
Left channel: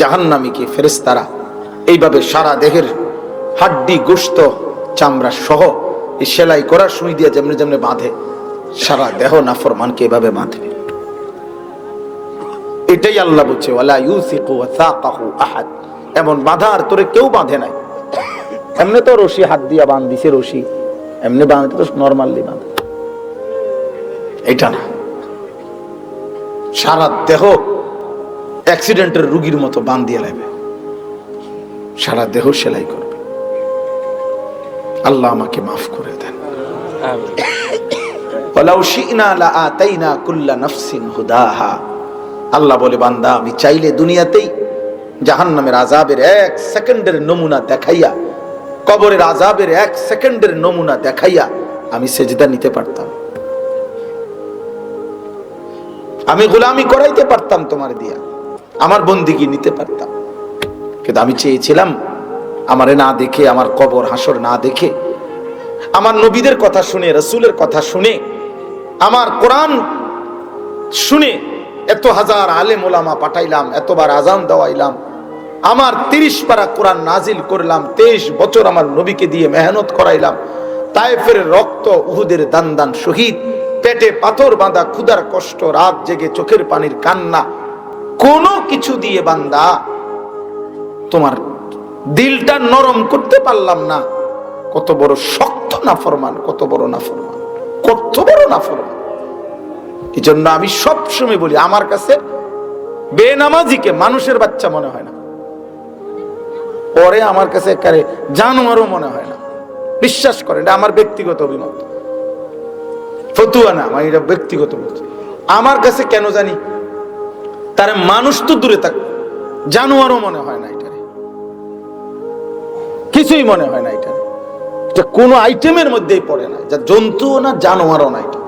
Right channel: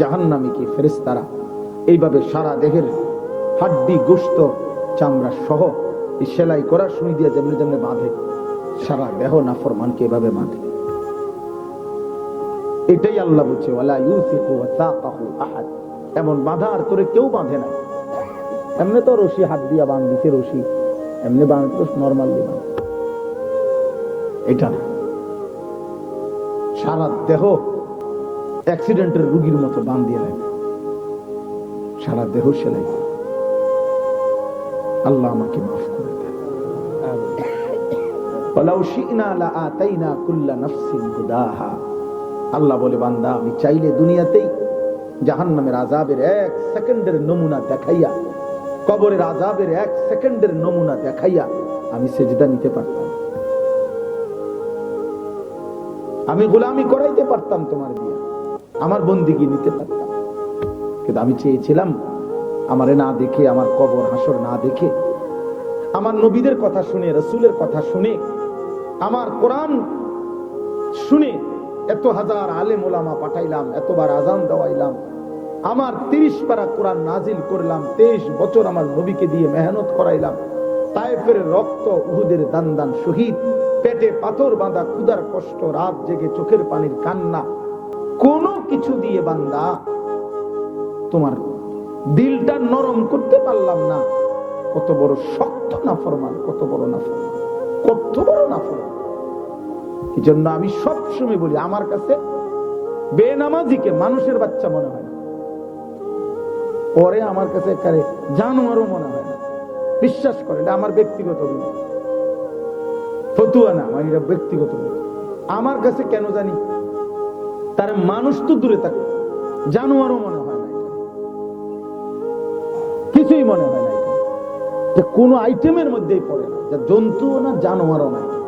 জাহান্নামীকে ফেরেশতারা এইভাবে সারা দেহের হাড্ডি গোশত চামড়া সহ এই সেলাই করা সুই দিয়ে যেমনি যেমনি বাঁধে, সারা দেহ নাফরমানকে এভাবে বাঁধে। এটাই আল্লাহ বলছে, ওয়ালা ইউসিকু ওয়াসাকাহু আহাদ, এমন বাঁধা আর তোরে কেউ বাঁধে নাই। এমনি তো রশি হাত দিয়া বাঁধ দিছে, রশি এমনি বাঁধতে তো নরমালি বাঁধে, এটা না, সারা দেহ অ্যাক্সিডেন্টের রোগীর মতো বাঁধ দিয়ে লাগবে, সারা দেহ সেলাই করবে। আল্লাহ আমাকে মাফ করে দেন। ওয়ালাউ শি'না লাআতাইনা কুল্লা নাফসিন হুদাহা, আল্লাহ বলে, বান্দা আমি চাইলে দুনিয়াতেই জাহান্নামের আযাবের 1 সেকেন্ডের নমুনা দেখাইয়া, কবরের আযাবের 1 সেকেন্ডের নমুনা দেখাইয়া আমি সেজদা নিতে পারতাম, আমি গোলামি করাইতে পারতাম তোমার দিয়া, আমার বন্দেগী নিতে পারতাম। কিন্তু আমি চেয়েছিলাম আমারে না দেখে, আমার কবর হাসর না দেখে, আমার নবীদের কথা শুনে, রাসূলের কথা শুনে, আমার কোরআন শুনে, এত হাজার আলেম ওলামা পাঠাইলাম, এতবার আজান দেওয়াইলাম, আমার 30 পারা কোরআন নাজিল করলাম, 23 বছর আমার নবীকে দিয়ে মেহনত করাইলাম, তায়েফের রক্ত, উহুদের দান দান শহীদ, পেটে পাথর বাঁধা, ক্ষুধার কষ্ট, রাত জেগে চোখের পানির কান্না, কোনো কিছু দিয়ে বান্দা তোমার দিলটা নরম করতে পারলাম না। কত বড় শক্ত নাফরমান, কত বড় নাফরমান, কত বড় নাফরমান। এই জন্য আমি সব সময় বলি, আমার কাছে বেনামাজিকে মানুষের বাচ্চা মনে হয় না, পরে আমার কাছে একেবারে জানোয়ারও মনে হয় না। বিশ্বাস করেন, এটা আমার ব্যক্তিগত অভিমত, ফতুয়া না, আমার এটা ব্যক্তিগত বলছি। আমার কাছে কেন জানি তার মানুষ তো দূরে থাক, জানোয়ারও মনে হয় না, এটা কিছুই মনে হয় না, এটা কোন আইটেমের মধ্যেই পড়ে না, যা জন্তুও না, জানোয়ারও না এটা।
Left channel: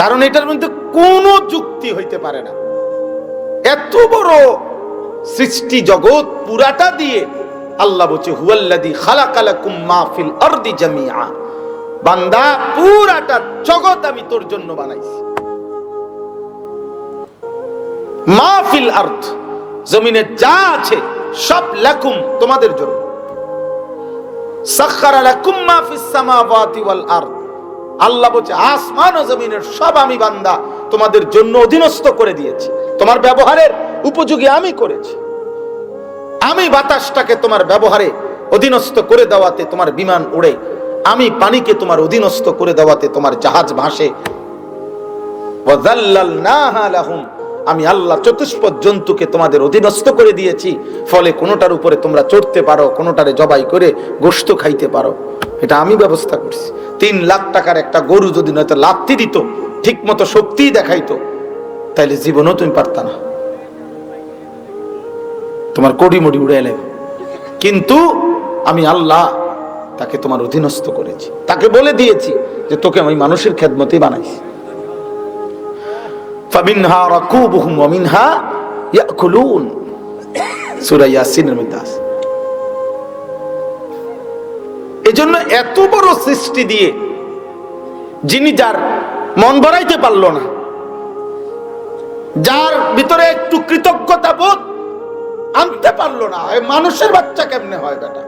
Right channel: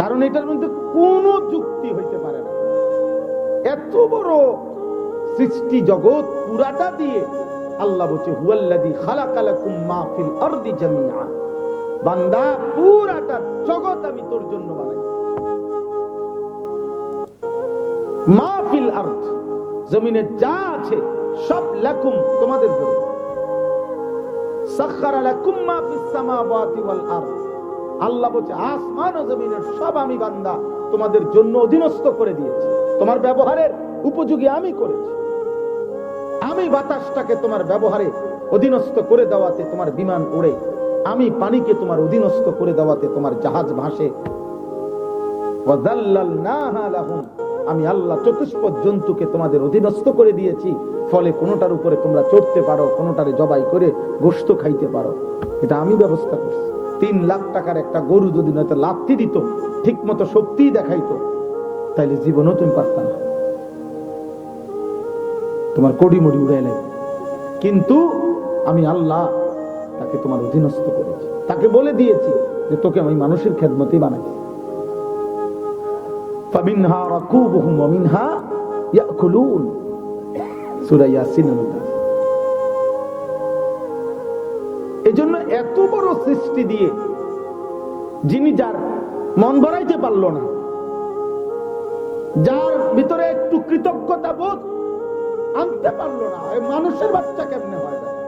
কারণ এটার মধ্যে কোনো যুক্তি হইতে পারে না। এত বড় সৃষ্টি জগৎ পুরাটা দিয়ে আল্লাহ বলছে, হুয়াল্লাযী খালাকা লাকুম মা ফিল আরদি জামিআ, বান্দা পুরাটা জগৎ আমি তোর জন্য বানাইছি। মা ফিল আরদ, জমিনে যা আছে সব লাকুম, তোমাদের জন্য। সাখখারা লাকুম মা ফিস সামাওয়াতি ওয়াল আরদ, আল্লাহ বলছে আসমান ও জমিনের সব আমি বান্দা তোমাদের জন্য অধীনস্থ করে দিয়েছি, তোমার ব্যবহারের উপযোগী আমি করেছি। আমি বাতাসটাকে তোমার ব্যবহারে অধীনস্থ করে দেওয়াতে তোমার বিমান উড়ে, আমি পানিকে তোমার অধীনস্থ করে দেওয়াতে তোমার জাহাজ ভাসে। ওয়াযাল্লালনাহা লাহুম, আমি আল্লাহ চতুষ্পদ জন্তুকে তোমাদের অধীনস্থ করে দিয়েছি, ফলে কোনোটার উপরে তোমরা চড়তে পারো, কোনোটারে জবাই করে গোশত খাইতে পারো। এটা আমি ব্যবস্থা করছি। 3 লাখ টাকার একটা গরু যদি নয়তো লাত্তি দিত, ঠিক মতো শক্তি দেখাইতো, তাইলে জীবনও তুমি পারতা না, তোমার কোটি মুটি উড়ে এলে। কিন্তু আমি আল্লাহ তাকে তোমার অধীনস্থ করেছি, তাকে বলে দিয়েছি যে তোকে আমি মানুষের খেদমতে বানাইছি। ফামিনহা রাকুবুহুম ওয়া মিনহা ইয়াকুলুন, সূরা ইয়াসিনের মধ্যে আছে। এজন্য এত বড় সৃষ্টি দিয়ে যিনি যার মন ভরাইতে পারলো না, যার ভিতরে একটু কৃতজ্ঞতা বোধ আনতে পারলো না, মানুষের বাচ্চা কেমনে হয় বেটা,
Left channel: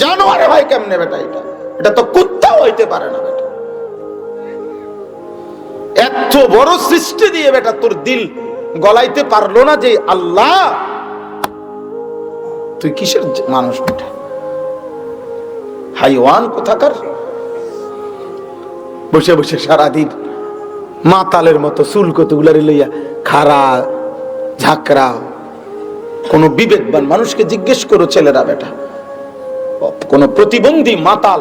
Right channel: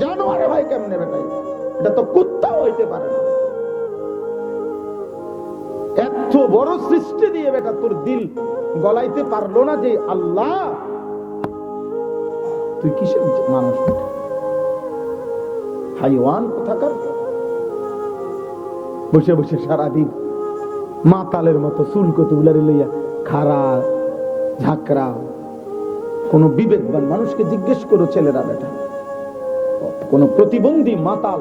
জানোয়ারে হয় কেমনে বেটা, এটা তো কুত্তাও হইতে পারে না বেটা। এত বড় সৃষ্টি দিয়ে বেটা তোর দিল গলাইতে পারলো না যে আল্লাহ তুই কিসের মানুষ বেটা, হাইওয়ান কোথাকার। বসে বসে সারাদিন মাতালের মতো চুল কতগুলারে লইয়া খাড়া ঝাঁকড়া। কোন বিবেকবান মানুষকে জিজ্ঞেস করো ছেলেরা বেটা, কোন প্রতিবন্ধী মাতাল,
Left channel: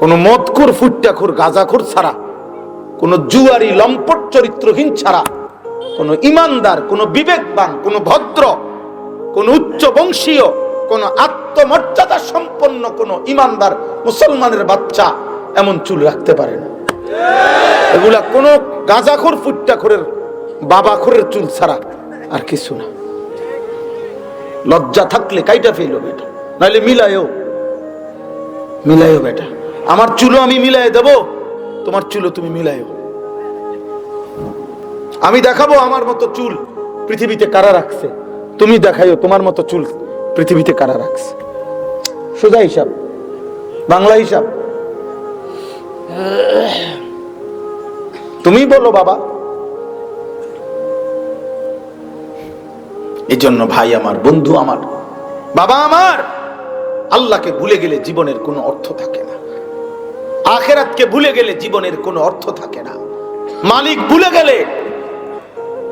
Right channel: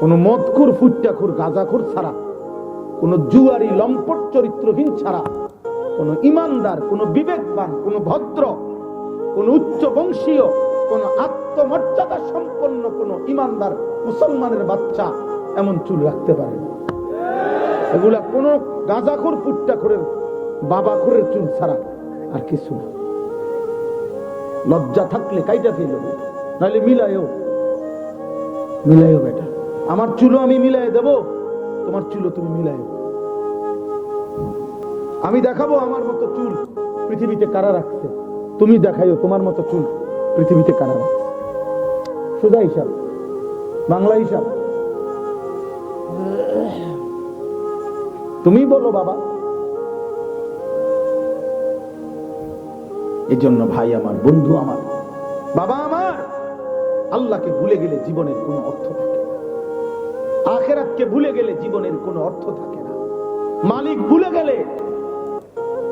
কোন মদখুর ফুট্টাখুর গাঁজাখুর ছাড়া, কোন জুয়ারি লম্পট চরিত্রহীন ছাড়া, কোন ইমানদার, কোন বিবেকবান, কোন ভদ্র, কোন উচ্চ বংশীয়, কোন আত্মমর্যাদা সম্পন্ন কোন ইমানদার মুসলমানের বাচ্চা এমন চুল রাখতে পারে না। এগুলা কোন গাঁজাখোর ফুট্টাখোরের বাবাখোরের চুল ছাড়া আর কিছু না। লজ্জা থাকলে কাইটা ফেলো বেটা, নাহলে মিলায়ও বেটা। আমার চুলও আমি মিলাই দেব, তোমার চুলও তুমি মিলায়ও। আমি দেখাবো আমার মতো চুল পৃথিবীতে কারা রাখছে, তুমি দেখাইও তোমার মতো চুল পৃথিবীতে কারা রাখছে। সোজা হিসাব, বাংলা হিসাব। তুমি বলো বাবা। এজন্য ভাই আমার, বন্ধু আমার, বাবা আমার, আল্লাহকে ভুলে গেলে জীবনের কোনো অর্থ থাকে না। আখিরাতকে ভুলে গেলে জীবনের কোনো অর্থ থাকে না। মালিক ভুলে গেলে,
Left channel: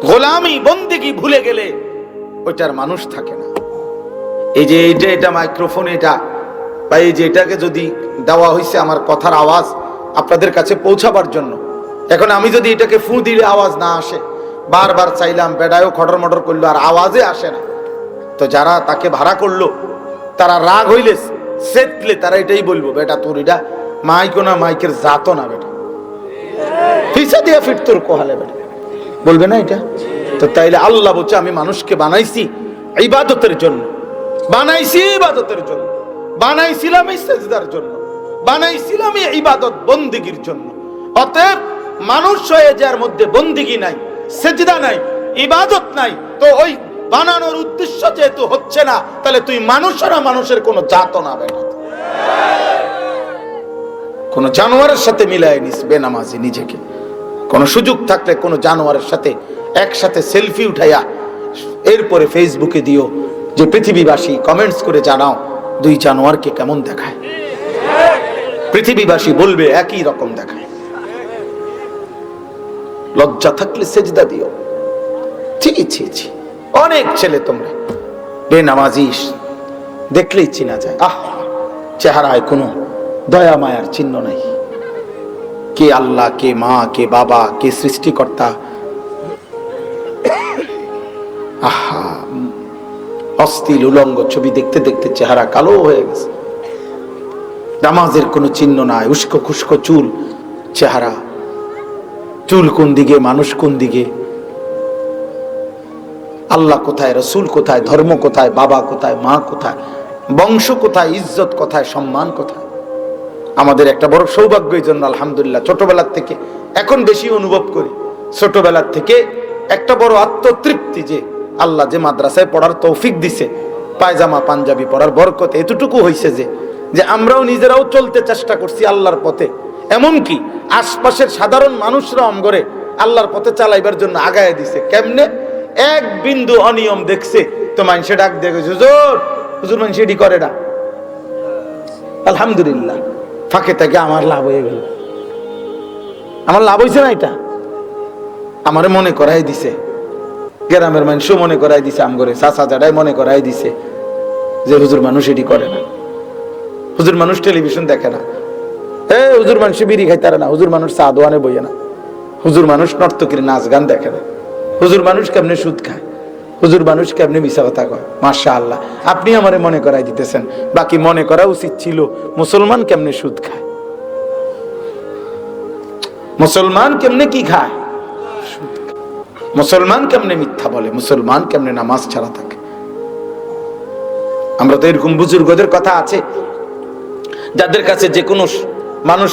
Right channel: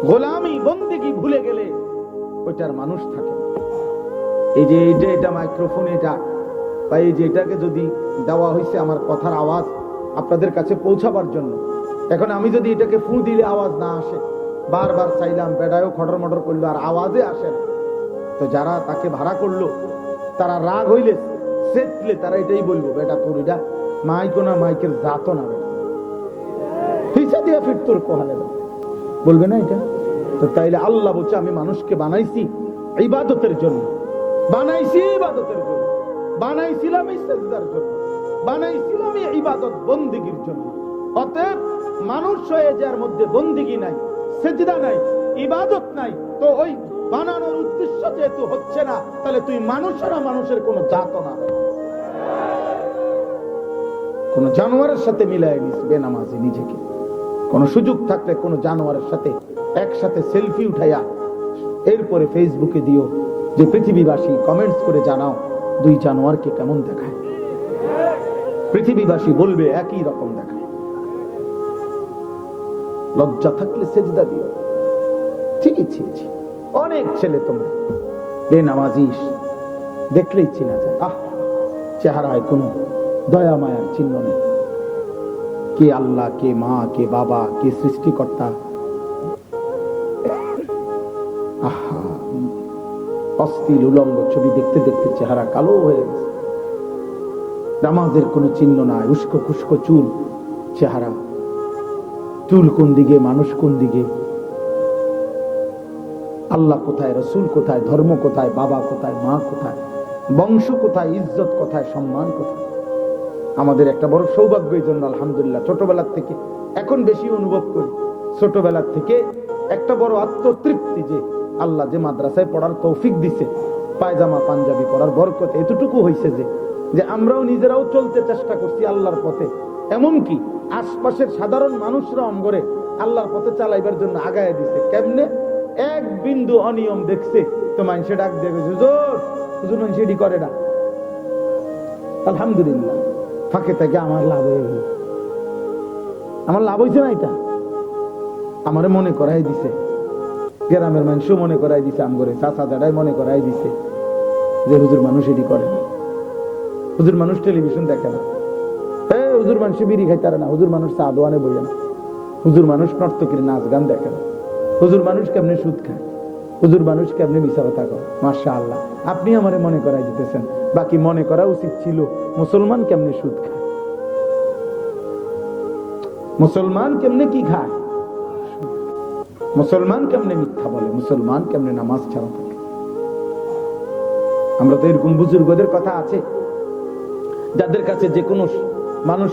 গোলামি বন্দেগী ভুলে গেলে ওইটার মানুষ থাকে না। এই যে এটা মাইক্রোফোন, এটা বা এই যে এটাকে যদি দেওয়া হয়েছে আমার কথার আওয়াজ আপনাদের কাছে পৌঁছাবার জন্য, এখন আমি যদি এটাকে ফু দিলে আওয়াজ না আসে, বারবার চাইলাম, বেড়ায়ও খটর মটর করলো আর আওয়াজে আসে না, তো যারা তাকে ভাড়া করলো তারা রাগ হইলে সেটলে তারা এটাই বলবো, বেটা তোর এটা মাইকো না, মাইকের জাতো না বেটা, পয়সা দিয়া ফিট তোর কোহালে বেটা, বলবে না এটা? তো তাইলে আল্লাহ বলছে আমি মানুষকে বানাইছি ইবাদতের জন্য, বানাইছি ইবাদতের জন্য, বানাইছিলাম সিজদার জন্য, বানাইছিলাম ইবাদত বন্দেগীর জন্য। অতএব মানুষ হয়ে যার মধ্যে বন্দেগী নাই, সিজদা নাই, ইবাদত নাই, তো ওই বানানোর উদ্দেশ্য যেহেতু হচ্ছে না, তাহলে তুই মানুষরা মানুষের কোনো জাত না বেটা, কোন জানোয়ারের সাথে মিলায় নিস বেনামাজি নিজেকে। কোন সুযোগ থাকলে কোন জানোয়ারের সাথে একসাথে সেলফি উঠাইয়া এরপরে ফেসবুকে দিও যে পৃথিবীবাসী কমেন্টস করে জানাও দুই জানোয়ারকে কেমন দেখায়। পৃথিবীবাসী বলবে একই রকম দেখায়। লজ্জা থাকলে সেজদা দিও। ছি অনেক ছেলে তোমরা বেনামাজি দেখলেই চিনা যায়, আহ চেহারায় কোনো দয়া মায়ার চিহ্ন নাই। কে আল্লাহ, কে মা, কে বাবা, কে সৃষ্টিকর্তা, অস্থির উলঙ্গ ছবি দেখতে দেখতে চেহারা কালো হয়ে গেছে। নামাজের কোনো চিহ্ন নাই, উস্কো খুস্কো চুল, চেহারা, চুল কোন দিকে, মানুষ কোন দিকে, আল্লাহ কোথায়, রসুল কোথায়, ধর্ম কোথায়, বাবা কোথায়, মা কোথায়, বংশ কোথায়, ইজ্জত কোথায়, সম্মান কোথায়। আমাদের একটা বড় সৌভাগ্য এই জন্য আলহামদুলিল্লাহ ছোটবেলার থেকে এখন বেশি অনুভব করি। ছোটবেলার থেকে একটা বড় আত্মতৃপ্তি যে আল্লাহ যে মাদ্রাসায় পড়ার তৌফিক দিছে, পায়জামা পাঞ্জাবি পড়ার বরকত এতটুকু হয়েছে যে আমরাও নিজেরাও চলতে চেষ্টা করছি আল্লাহর পথে। এমনকি আশপাশের সাধারণ মানুষরা আমগরে আল্লাহর পথে চালাইবার জন্য আগায় দিছে। কেমনে? এক বিন্দু অনিয়ম দেখছে তো মানুষে ডাক দেখে হুজুর, হুজুর মানুষ এটি করে না। আলহামদুলিল্লাহ ফাঁকে থাকে আমার লাভ হয়ে গেল। আমার লাভ হয়েছে না, এটা আমারে মনে করাই দিছে, গ্রামের মানুষও মনে করাই দিছে, আমগরে চাচা জাডাই মনে করাই দিছে যে হুজুর মানুষ এটি করে না, হুজুর মানুষ টেলিভিশন দেখে না, হুজুর মানুষ বিড়ি খাইতে না, হুজুর মানুষ চা দোয়ানে বইয়ে না, হুজুর মানুষ নর্তকীর নাচ গান দেখে না, হুজুর মানুষ কেমনে সুদ খায়, হুজুর মানুষ কেমনে মিশা কথা কয়। মাশাআল্লাহ আপনি আমারে মনে করাই দিতেছেন। বাকি মনে করা উচিত ছিল মুসলমান কেমনে সুদ খায়, মুসলমান কেমনে কি খায়, সুদ খায়। মুসলমান কেমনে মিথ্যা বলে, মুসলমান কেমনে নামাজ ছাড়া থাকে। আমরা তো এরকম বুজুর্গদের কথা আছে যাদের কাছে যে কোনো মানুষ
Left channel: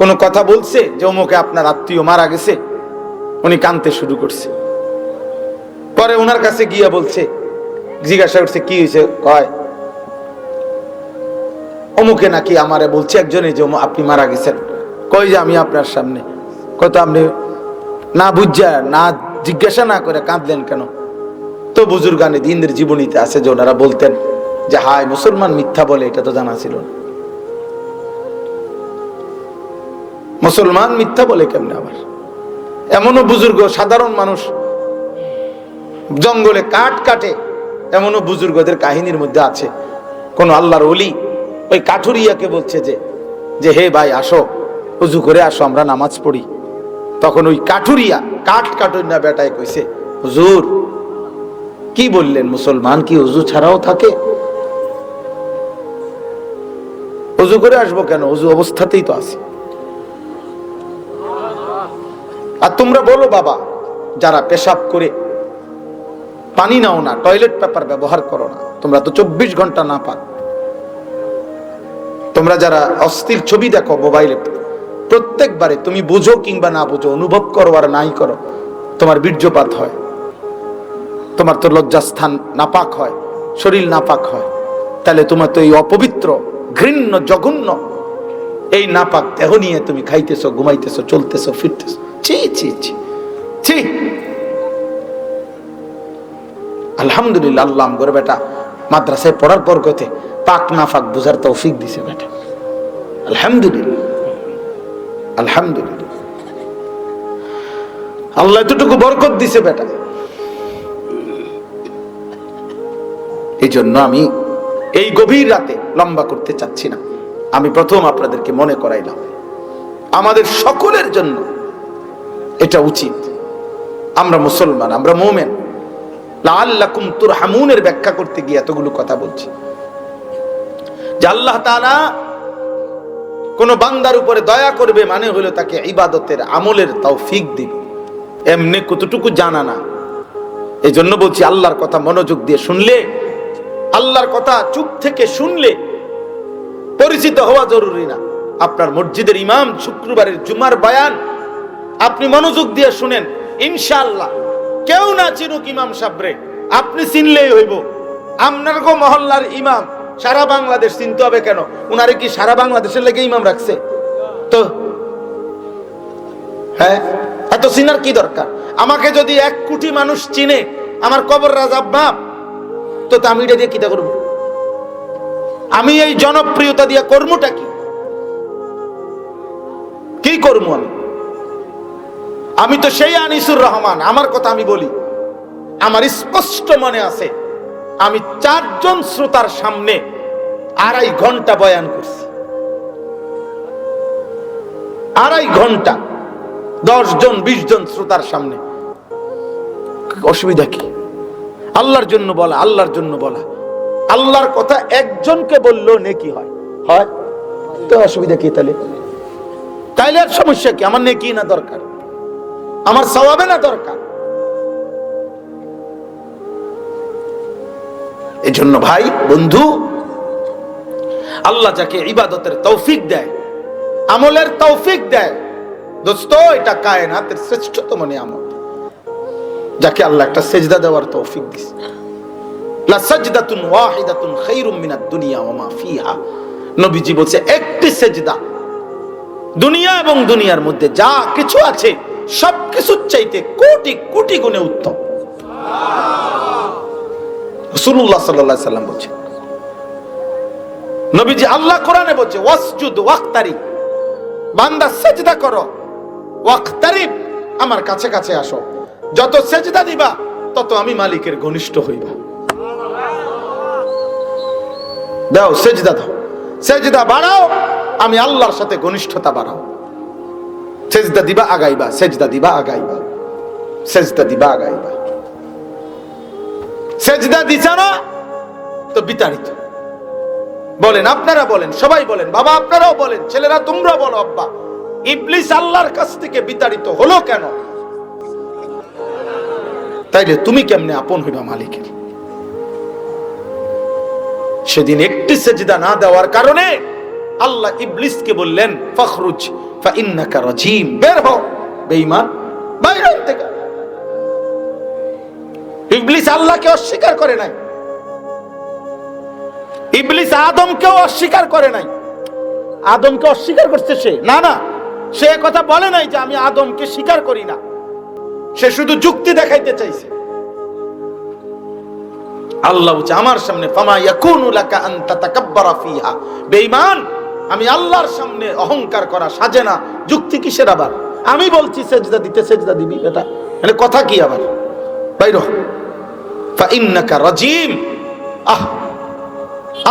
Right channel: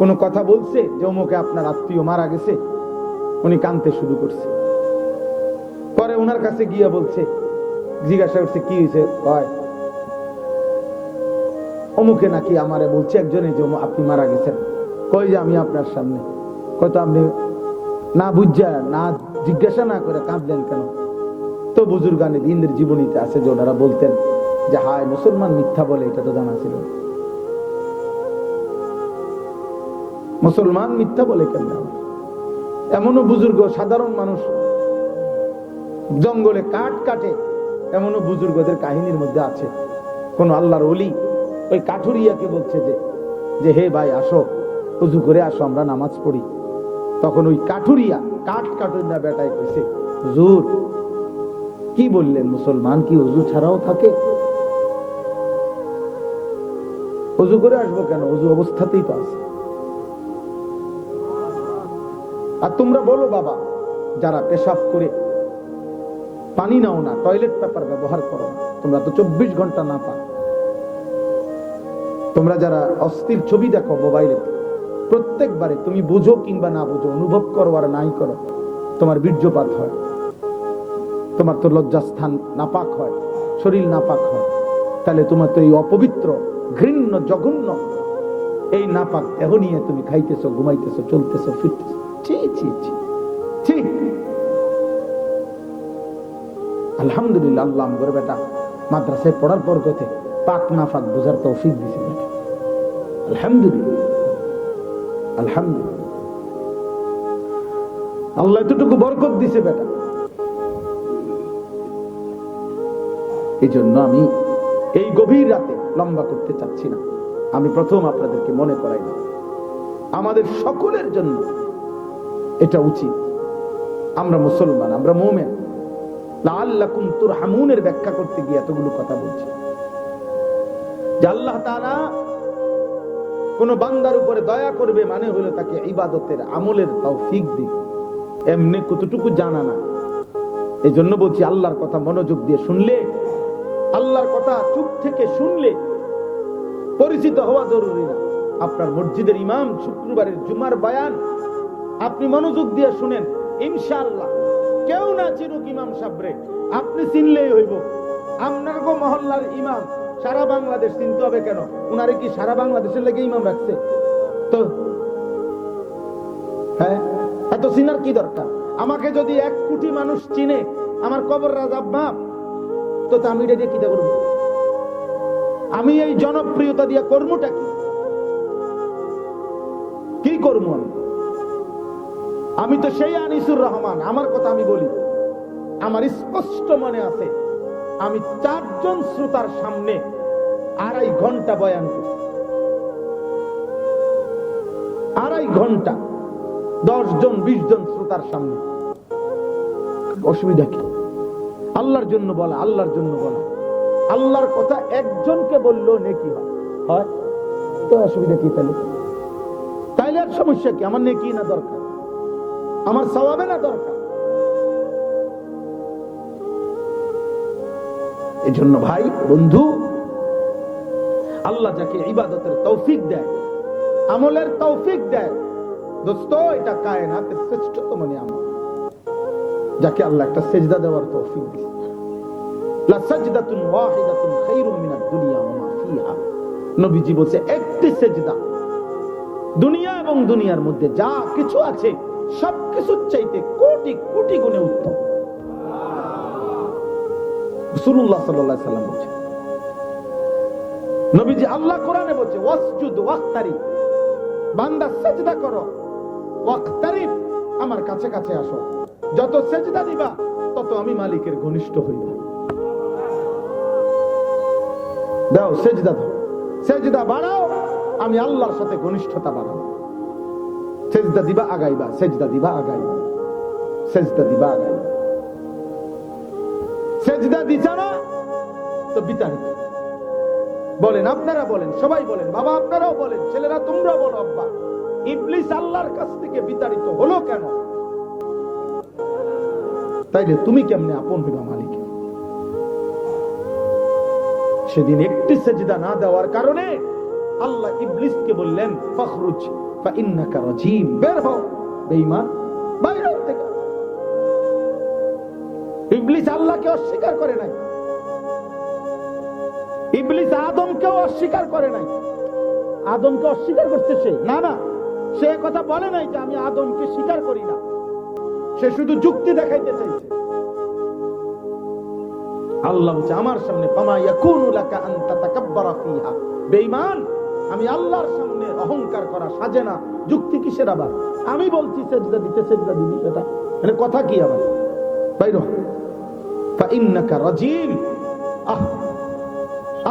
কোনো কথা বলছে যে অমুকে আপনার আত্মীয় মারা গেছে, উনি কাঁদতে শুরু করছে। পরে ওনার কাছে গিয়ে বলছে, জিজ্ঞাসা করছে কি হয়েছে, কয় অমুকে নাকি আমারে বলছে একজনে যে আপনি মারা গেছেন। কই যে আমি আপনার সামনে, কত আপনি না বুঝা না জিজ্ঞাসা না করে কাঁদলেন কেন? তো বুজুর্গানে দিনের জীবনীতে আছে যে ওনারা বলতেন যে হায় মুসলমান মিথ্যা বলে, এটা তো জানা ছিল না। মুসলমান মিথ্যা বলে কেমনে? আবার এমনও বুজুর্গ সাধারণ মানুষ জঙ্গলে কাঠ কাটে, এমনও বুজুর্গদের কাহিনীর মধ্যে আছে কোন আল্লাহর ওলি ওই কাঠুরিয়াকে বলছে যে হে ভাই আসো, উজু করে আসো, আমরা নামাজ পড়ি। তখন ওই কাঠুরিয়া কাঠ কাটুর না বেটায় কইছে, হুজুর কি বললেন, মুসলমান কি উজু ছাড়াও থাকে? উজু করে আসবো কেন, উজু অবস্থাতেই তো আছে। আর তোমরা বলো বাবা, যারা পেশাব করে পানি নাও না, টয়লেট পেপার ব্যবহার করো না, তোমরা তো 24 ঘন্টা না পাক। তোমরা যারা অস্থির ছবি দেখো মোবাইলে, প্রত্যেকবারে তুমি বুঝো কিংবা না বুঝো, অনুভব করো আর নাই করো, তোমার বীর্যপাত হয়, তোমার তো লজ্জাস্থান নাপাক হয়, শরীর নাপাক হয়। তাহলে তোমার তো এই অপবিত্র ঘৃণ্য জঘন্য এই নাপাক দেহ নিয়ে তুমি খাইতেছো, ঘুমাইতেছো, চলতেছো, ফিরতেছো। ছি ছি ছি ছি। আলহামদুলিল্লাহ, আল্লাহ করে বেটা মাদ্রাসায় পড়ার পর কথা পাক না ফাক বুঝার তৌফিক দিছে বেটা। আলহামদুলিল্লাহ, আলহামদুলিল্লাহ, আল্লাহ এতটুকু বরকত দিছে বেটা। এই জন্য আমি এই গভীর রাতে লম্বা করতে চাচ্ছি না, আমি প্রথম আপনাদেরকে মনে করাইলাম আমাদের সকলের জন্য এটা উচিত। আমরা মুসলমান, আমরা মুমিন, লাআল্লাকুম তুরহামুনের ব্যাখ্যা করতে গিয়ে এতগুলো কথা বলছি যে আল্লাহ তাআলা কোন বান্দার উপরে দয়া করবে মানে হলো তাকে ইবাদতের আমলের তৌফিক দিবে। এমনি কতটুকু জানা না। এই জন্য বলছি আল্লাহর কথা মনোযোগ দিয়ে শুনলে, আল্লাহর কথা চুপ থেকে শুনলে পরিচিত হওয়া জরুরি না। আপনার মসজিদের ইমাম শুক্রবারের জুমার বয়ান আপনি মনোযোগ দিয়ে শুনেন, ইনশাআল্লাহ কেউ না চিনুক ইমাম সাহেবরে, আপনি চিনলেই হইব। আপনার গো মহল্লার ইমাম সারা বাংলাদেশ চিনতে হবে কেন? উনারে কি সারা বাংলাদেশের লেগে ইমাম রাখছে? তো হ্যাঁ, এত চিনার কি দরকার? আমাকে যদি 1 কোটি মানুষ চিনে, আমার কবর রাজাব বাপ, তো আমি এটা দিয়ে কিটা করবো? আমি এই জনপ্রিয়তা দিয়ে কর্মটা কি করবো? আমি তো সেই আনিসুর রহমান, আমার কথা আমি বলি। আমার স্পষ্ট মনে আছে, আমি 4 জন শ্রোতার সামনে 2.5 ঘন্টা বয়ান করছি। 2.5 ঘন্টা 10 জন 20 জন শ্রোতার সামনে। অসুবিধা কি? আল্লাহর জন্য বলা, আল্লাহর জন্য বলা। আল্লাহর কথা একজনকে বললেও নেকি হয়, হয় তো অসুবিধা কি? তাইলে আর সমস্যা কি? আমার নেকি না দরকার, আমার সওয়াবে না দরকার। এই জন্য ভাই বন্ধু, আল্লাহ যাকে ইবাদতের তৌফিক দেয়, আমলের তৌফিক দেয়, দোস্ত এটা কায়নাতের শ্রেষ্ঠতম নিয়ামত। যাকে আল্লাহ একটা সেজদা দেওয়ার তৌফিক দিয়েছে। লা সাজদাতুন ওয়াহিদাতুন খায়রুম মিনাদ দুনিয়া ওয়া মা ফিহা। নবীজি বলেছে একটি সেজদা দুনিয়া এবং দুনিয়ার মধ্যে যা কিছু আছে সবকিছুর চাইতে কোটি কোটি গুণে উত্তম। রাসূলুল্লাহ সাল্লাল্লাহু আলাইহি সাল্লাম বলেছেন, নবীজি আল্লাহ কোরআনে বলেছে ওয়াসজুদ ওয়াক্তারিব, বান্দা সিজদা করো, ওয়াক্তারিব আমার কাছে কাছে আসো। যত সিজদা দিবা তত আমি মালিকের ঘনিষ্ঠ হইবা। দাও সিজদা দাও, সিজদা বাড়াও, আমি আল্লাহর সাথে ঘনিষ্ঠতা বাড়াও। সিজদা দিবা আগাইবা, সিজদা দিবা আগাইবা, সিজদা দিবা আগাইবা। সিজদা দিছা না তো বিতাড়িত। বলেন, আপনারা বলেন, সবাই বলেন, বাবা আপনারাও বলেন, ছেলেরা তোমরা বলো, আব্বা ইবলিস আল্লাহর কাছ থেকে বিতাড়িত হলো কেন? তাইলে তুমি কেমনে আপন হইবা মালিকের? সেদিন একটি সেজদা না দেওয়ার কারণে আল্লাহ ইবলিসকে বললেন ফখরুজ ফাইন্নাকা রাজিম, বের হও বেঈমান, বাইরে থেকে। ইবলিস আল্লাহকে অস্বীকার করে নাই, ইবলিস আদমকেও অস্বীকার করে নাই। আদমকে অস্বীকার করছে সে? না না, সে কথা বলে নাই যে আমি আদমকে স্বীকার করি না, সে শুধু যুক্তি দেখাইতে চাইছে। আল্লাহ বলছে আমার সামনে ফামা ইয়াকুনু লাকা আন তাতাকাব্বারা ফিহা, বেঈমান আমি আল্লাহর সামনে অহংকার করা সাজে না। যুক্তি কিসের আবার? আমি বলছি সেজদা দিতে, সেজদা দিবি, এটা মানে কথা কি আবার? বাইর হ, ফাইন্নাকা রাজিম। আহ,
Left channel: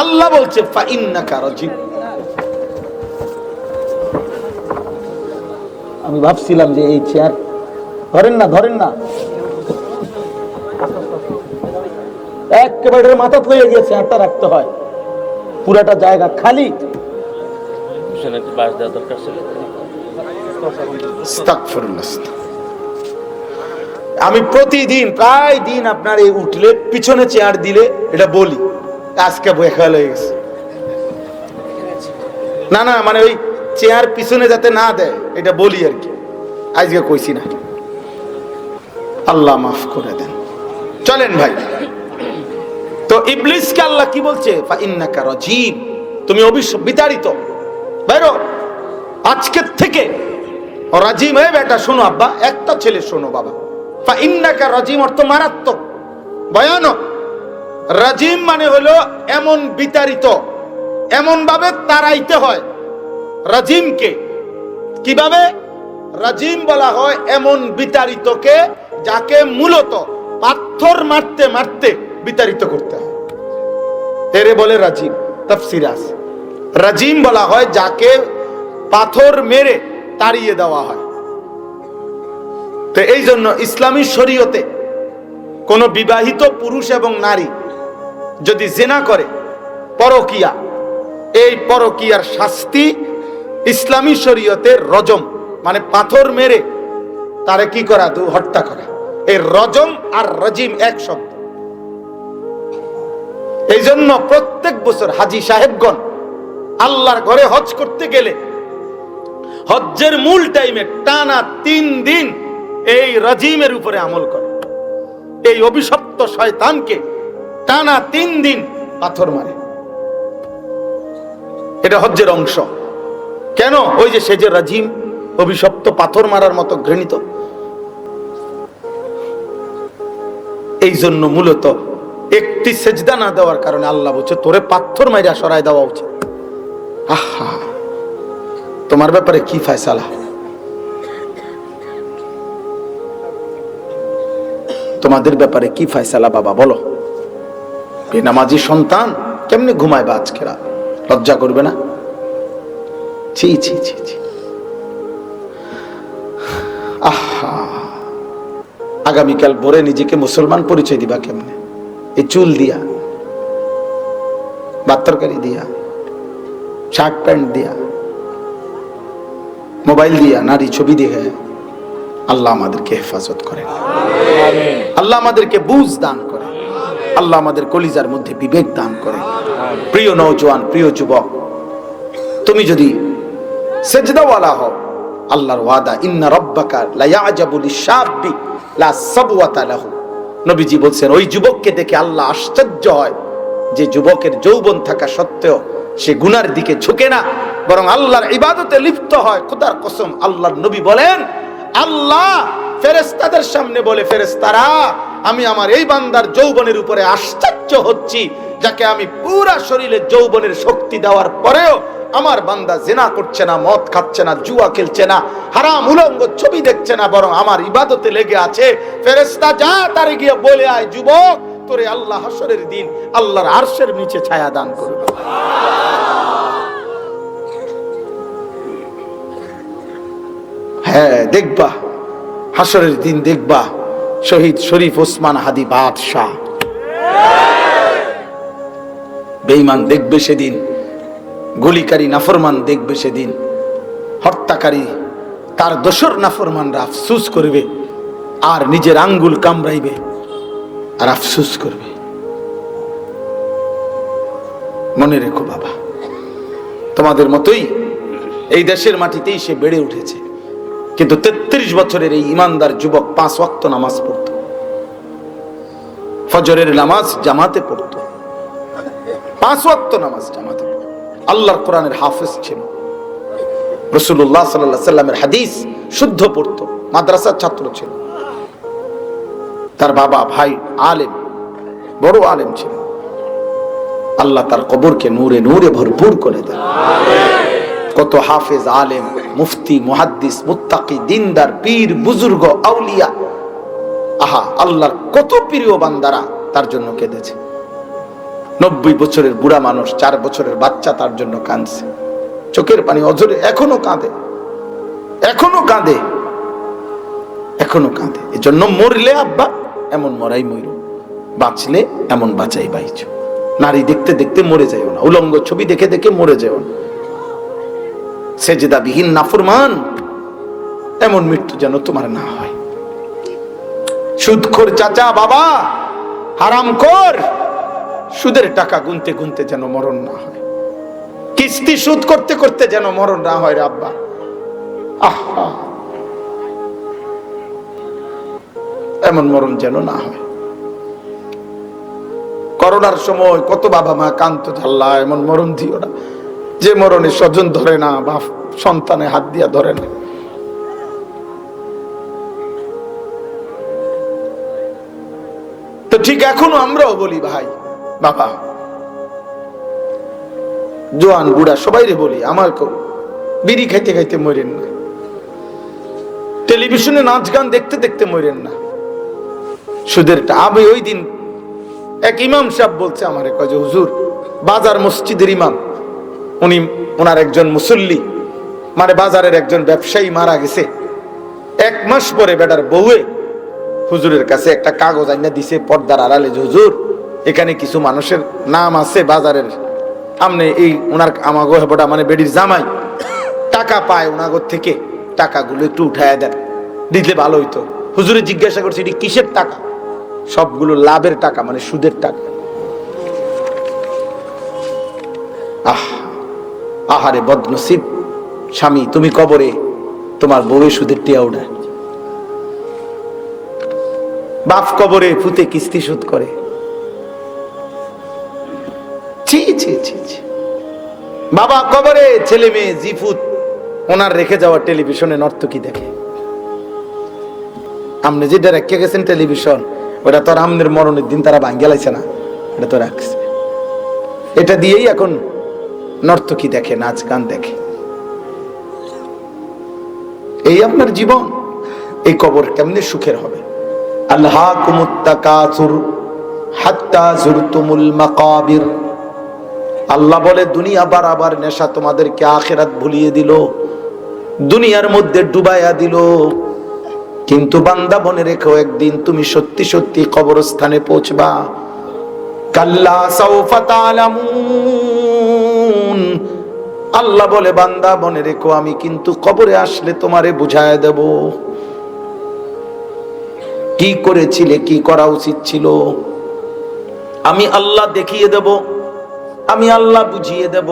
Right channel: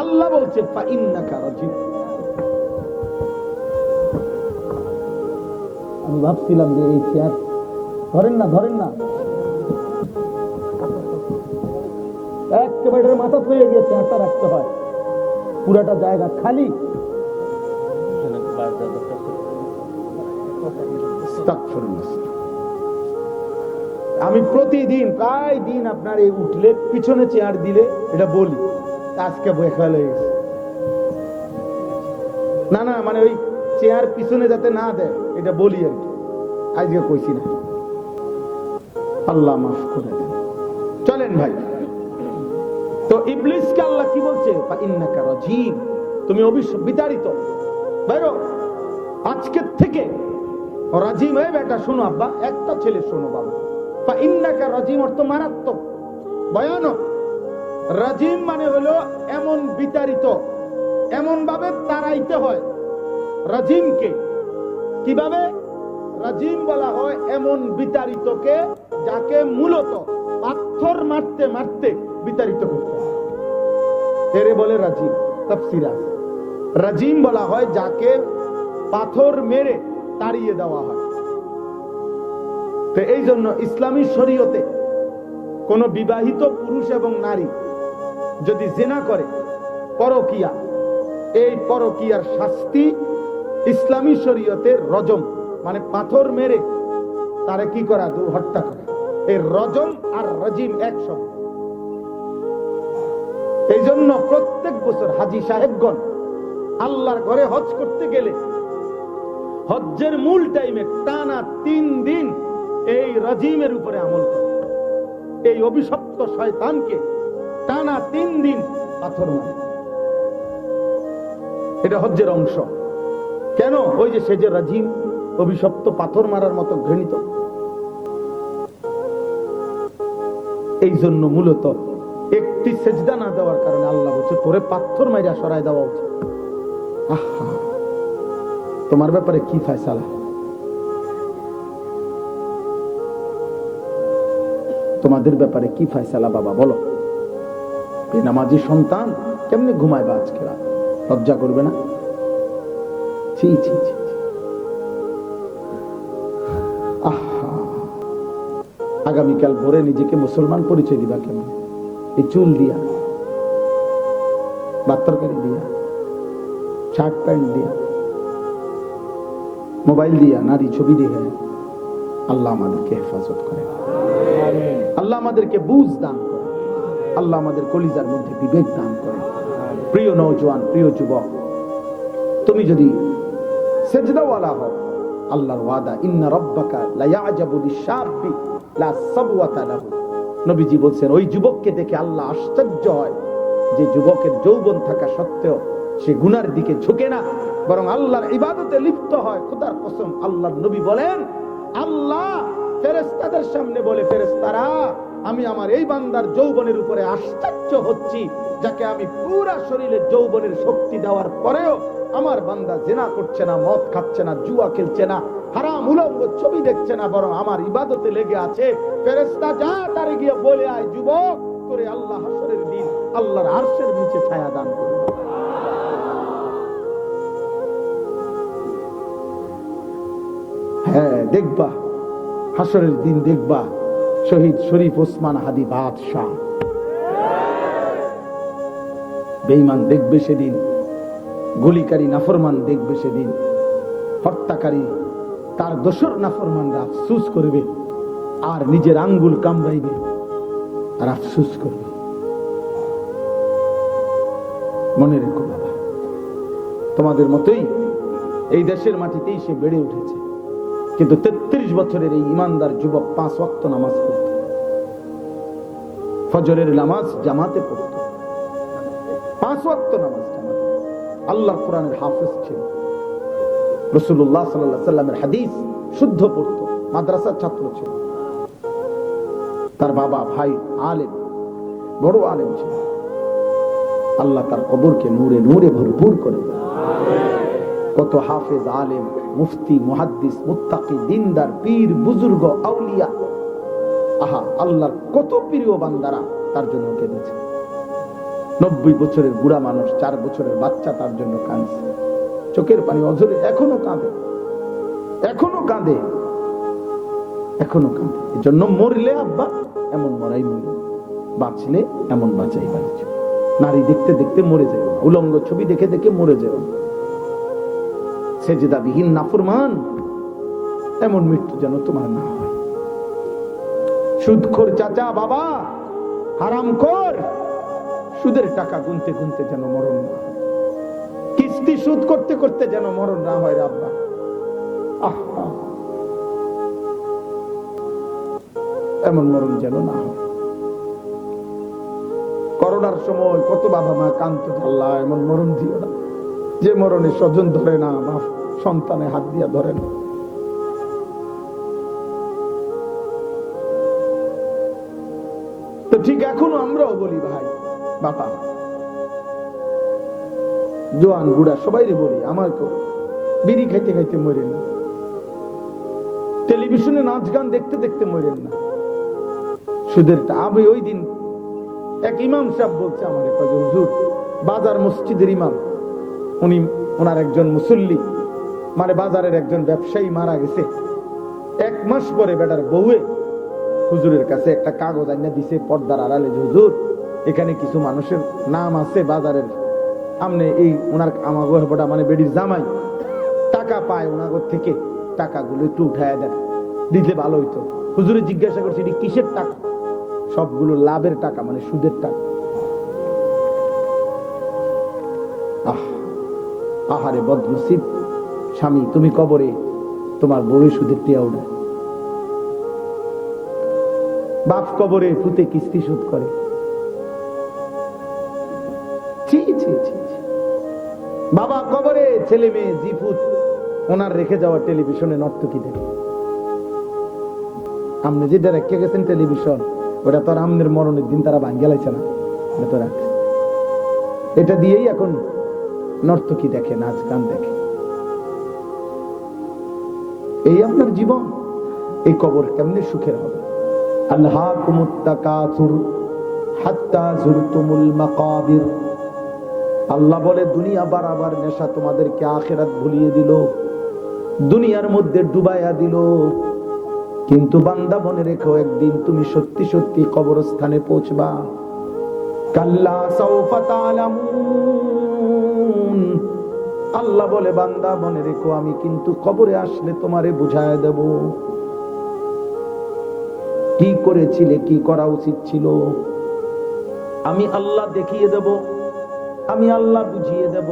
আল্লাহ বলছে ফাইন্নাকা রাজিম। আমি ভাবছিলাম যে এই চেয়ার ধরেন না, ধরেন না, একেবারে মাথা থয়ে গিয়ে চেয়ারটা রাখতে হয়, পুরাটা জায়গা খালি। আমি প্রতিদিন প্রায় দিন আপনার এই উঠলে পিছনে চেয়ার দিলে এটা বলি, আজকে বয়ে খেয়াল হয়ে গেছে। না না, মানে ওই চেয়ার পিছনে যাতে না দেয় এটা বলি আর কি, আজকে কইছি না। আল্লাহ মাফ করে দেন। চলেন ভাই, তো ইবলিসকে আল্লাহ কি বলছে? ফাইন্নাকা রাজিম, তুমি বিতাড়িত, বেরো আজকের থেকে। রাজিম, এই বেটা শোনো, আব্বা একটা ছেলে শোনো বাবা, ফাইন্নাকা রাজিম অর্থ মারাত্মক, ভয়ানক। রাজিম মানে হলো এমন বিতাড়িত, এমন ভাবে তাড়াইতে হয়। রাজিমকে কিভাবে? রাজিম বলা হয় এমন বিতাড়িতকে যাকে মূলত পাথর মারতে মারতে বিতাড়িত করতে হয়, এরে বলে রাজিম। তাফসীরে আছে রাজিম বলা হয় যাকে পাথর মেরে তাড়িয়ে দেওয়া হয়। তো এই জন্য ইসলামী শরীয়তে কোন বিবাহিত পুরুষ এবং নারী যদি জিনা করে, পরকিয়া, এই পরকিয়ার শাস্তি ইসলামী শরীয়তে রজম, মানে পাথর মেরে তারে কি করা? হত্যা করা। এই রজম আর রাজিম এক শব্দ। এই জন্য প্রত্যেক বছর হাজী সাহেবগণ আল্লাহর ঘরে হজ করতে গেলে হজ্জের মূল টাইমে টানা 3 দিন এই রাজিমের উপরে আমল করে। এই অভিশপ্ত শয়তানকে টানা 3 দিন পাথর মারে, এটা হজ্জের অংশ। কেন? ওই যে সে যে রাজিম, অভিশপ্ত, পাথর মারার মতো ঘৃণিত। এই জন্য মূলত একটি সেজদা না দেওয়ার কারণে আল্লাহ বলছে তোরে পাথর মাইরা সরাই দেওয়া উচিত। আহা, তোমার ব্যাপারে কি ফয়সালা? তোমাদের ব্যাপারে কি ফয়সালা বাবা বলো? বেনামাজি সন্তান কেমনে ঘুমাইবা আজকে রাত? লজ্জা করবে না? ছি ছি ছি ছি। আহা, আগামীকাল ভোরে নিজেকে মুসলমান পরিচয় দিবা কেমনে? এই চুল দিয়া, বাত্তরকারি দিয়া, শার্ট প্যান্ট দিয়া, মোবাইল দিয়া, নারী ছবি দেখে। আল্লাহ আমাদেরকে হেফাজত করে, আল্লাহ আমাদেরকে বুঝ দান করে, আল্লাহ আমাদের কলিজার মধ্যে বিবেক দান করে। প্রিয় নওজোয়ান, প্রিয় যুবক, তুমি যদি সেজদাওয়ালা হও, আল্লাহর ওয়াদা ইন্না রাব্বাকা লা ইয়াজাবু লিশ-শাবি লা সাবওয়াতা লাহু। নবীজি বলছেন ওই যুবককে দেখে আল্লাহ আশ্চর্য হয় যে যুবকের যৌবন থাকা সত্ত্বেও সে গুনার দিকে ঝুঁকে না, বরং আল্লাহর ইবাদতে লিপ্ত হয়। খোদার কসম, আল্লাহর নবী বলেন আল্লাহ ফেরেশতাদের সামনে বলে, ফেরেশতারা আমি আমার এই বান্দার যৌবনের উপরে আশ্চর্য হচ্ছি, যাকে আমি পুরা শরীরে যৌবনের শক্তি দেওয়ার পরেও আমার বান্দা জিনা করছে না, মদ খাচ্ছে না, জুয়া খেলছে না, হারাম উলঙ্গ ছবি দেখছে না, বরং আমার ইবাদতে লেগে আছে। ফেরেশতা যা তারে গিয়ে বলে আয়, যুবক তোরে আল্লাহ হাসরের দিন আল্লাহর আরশের নিচে ছায়া দান করবে। হ্যাঁ, দেখবা হাসরের দিন, দেখবা শহীদ শরীফ ওসমান হাদি বাদশাহ। বেঈমান দেখবে সেদিন, গলিকারী নাফরমান দেখবে সেদিন, হত্যাকারী তার দোসর নাফরমানরা আফসোস করবে আর নিজের আঙ্গুল কামড়াইবে। আর আফসোস করবে। মনে রেখো বাবা, তোমাদের মতোই এই দেশের মাটিতেই সে বেড়ে উঠেছে, কিন্তু 33 বছরের এই ইমানদার যুবক 5 ওয়াক্ত নামাজ পড়ত, ফজরের নামাজ জামাতে পড়ত, 5 ওয়াক্ত নামাজ জামাতে পড়ত, আল্লাহর কোরআনের হাফেজ ছিল, রাসূলুল্লাহ সাল্লাল্লাহু আলাইহি সাল্লামের হাদিস শুদ্ধ পড়ত, মাদ্রাসার ছাত্র ছিল। তার বাবা ভাই আলেম, বড় আলেম ছিল। আল্লাহ তার কবরকে নূরে নূরে ভরপুর করে দেয়। কত হাফেজ, আলেম, মুফতি, মুহাদ্দিস, মুত্তাকি, দিনদার, পীর, বুজুর্গ, আউলিয়া, আহা আল্লাহর কত প্রিয় বান্দারা তার জন্য কেঁদেছে। 90 বছরের বুড়া মানুষ, 4 বছরের বাচ্চা তার জন্য কাঁদছে, চোখের পানি অঝরে এখনো কাঁদে, এখনো কাঁদে, এখনো কাঁদে। এজন্য মরলে আব্বা এমন মরাই মইর, বাঁচলে এমন বাঁচাই বাইচ। নারী দেখতে দেখতে মরে যাও না, উলঙ্গ ছবি দেখে দেখে মরে যাও না, সেজদাবিহীন নাফরমান এমন মৃত্যু যেন তোমার না হয়। সুদখোর চাচা বাবা, হারামখোর, সুদের টাকা গুনতে গুনতে যেন মরণ না হয়, কিস্তি সুদ করতে করতে যেন মরণ না হয় রে আব্বা। আহা, এমন মরণ যেন না হয়। করোনার সময় কত বাবা মা কান্ত, আল্লাহ এমন মরণ দিও না যে মরণে স্বজন ধরে না বা সন্তানে হাত দিয়া ধরে না। তো ঠিক এখনো আমরাও বলি ভাই বাবা, জোয়ান বুড়া সবাই রে বলি, আমার বিড়ি খাইতে খাইতে মরেন না, টেলিভিশনে নাচ গান দেখতে দেখতে মরেন না, সুদের আবে। ওই দিন এক ইমাম সাহেব বলছে আমারে, কয় যে হুজুর, বাজার মসজিদের ইমাম, উনি ওনার একজন মুসল্লি, মানে বাজারের একজন ব্যবসায়ী মারা গেছে। 1 মাস পরে বেটার বউয়ে হুজুরের কাছে একটা কাগজ আইনা দিছে পর্দার আড়ালে, যে হুজুর এখানে কিছু মানুষের নাম আছে বাজারের, আমনে এই ওনার আমাগো হেবটা মানে বেডির জামাই টাকা পায় ওনাগর থেকে, টাকাগুলো একটু উঠায় দেন, দিলে ভালো হইতো। হুজুরে জিজ্ঞাসা করছে এটি কিসের টাকা? সবগুলো লাভের টাকা, মানে সুদের টাকা। আহারে বদনসিব স্বামী, তুমি কবরে তোমার বউ সুদের টিয়া উঠায়, বাপ কবরে ফুতে কিস্তি শোধ করে। বাবা কবরে ছেলে মেয়ে জিফুত ওনার রেখে যাওয়া টেলিভিশনে নর্তকী দেখে। আমনে যেটা রেখে গেছেন টেলিভিশন, ওটা তো আমনের মরণের দিন তারা ভাঙ্গে লাইছে না, এটা তো রাখছে। এটা দিয়েই এখন নর্তকী দেখে, নাচ গান দেখে। এই আপনার জীবন, এই কবর কেমনে সুখের হবে? আল্লাহাকুমুত তাকাসুর হাত্তা যুরতুমুল মাকাবির। আল্লাহ বলে দুনিয়া বারবার নেশা তোমাদেরকে আখিরাত ভুলিয়ে দিল, দুনিয়ার মধ্যে ডুবাইয়া দিল। কিন্তু বান্দা মনে রেখো, একদিন তুমি সত্যি সত্যি কবরস্থানে পৌঁছবা। কাল্লা সাউফা তা'লামুন। আল্লাহ বলে বান্দা মনে রেখো, আমি কিন্তু কবরে আসলে তোমারে বুঝায় দেব কি করেছিলে, কি করা উচিত ছিল। আমি আল্লাহ দেখিয়ে দেব, আমি আল্লাহ বুঝিয়ে দেব,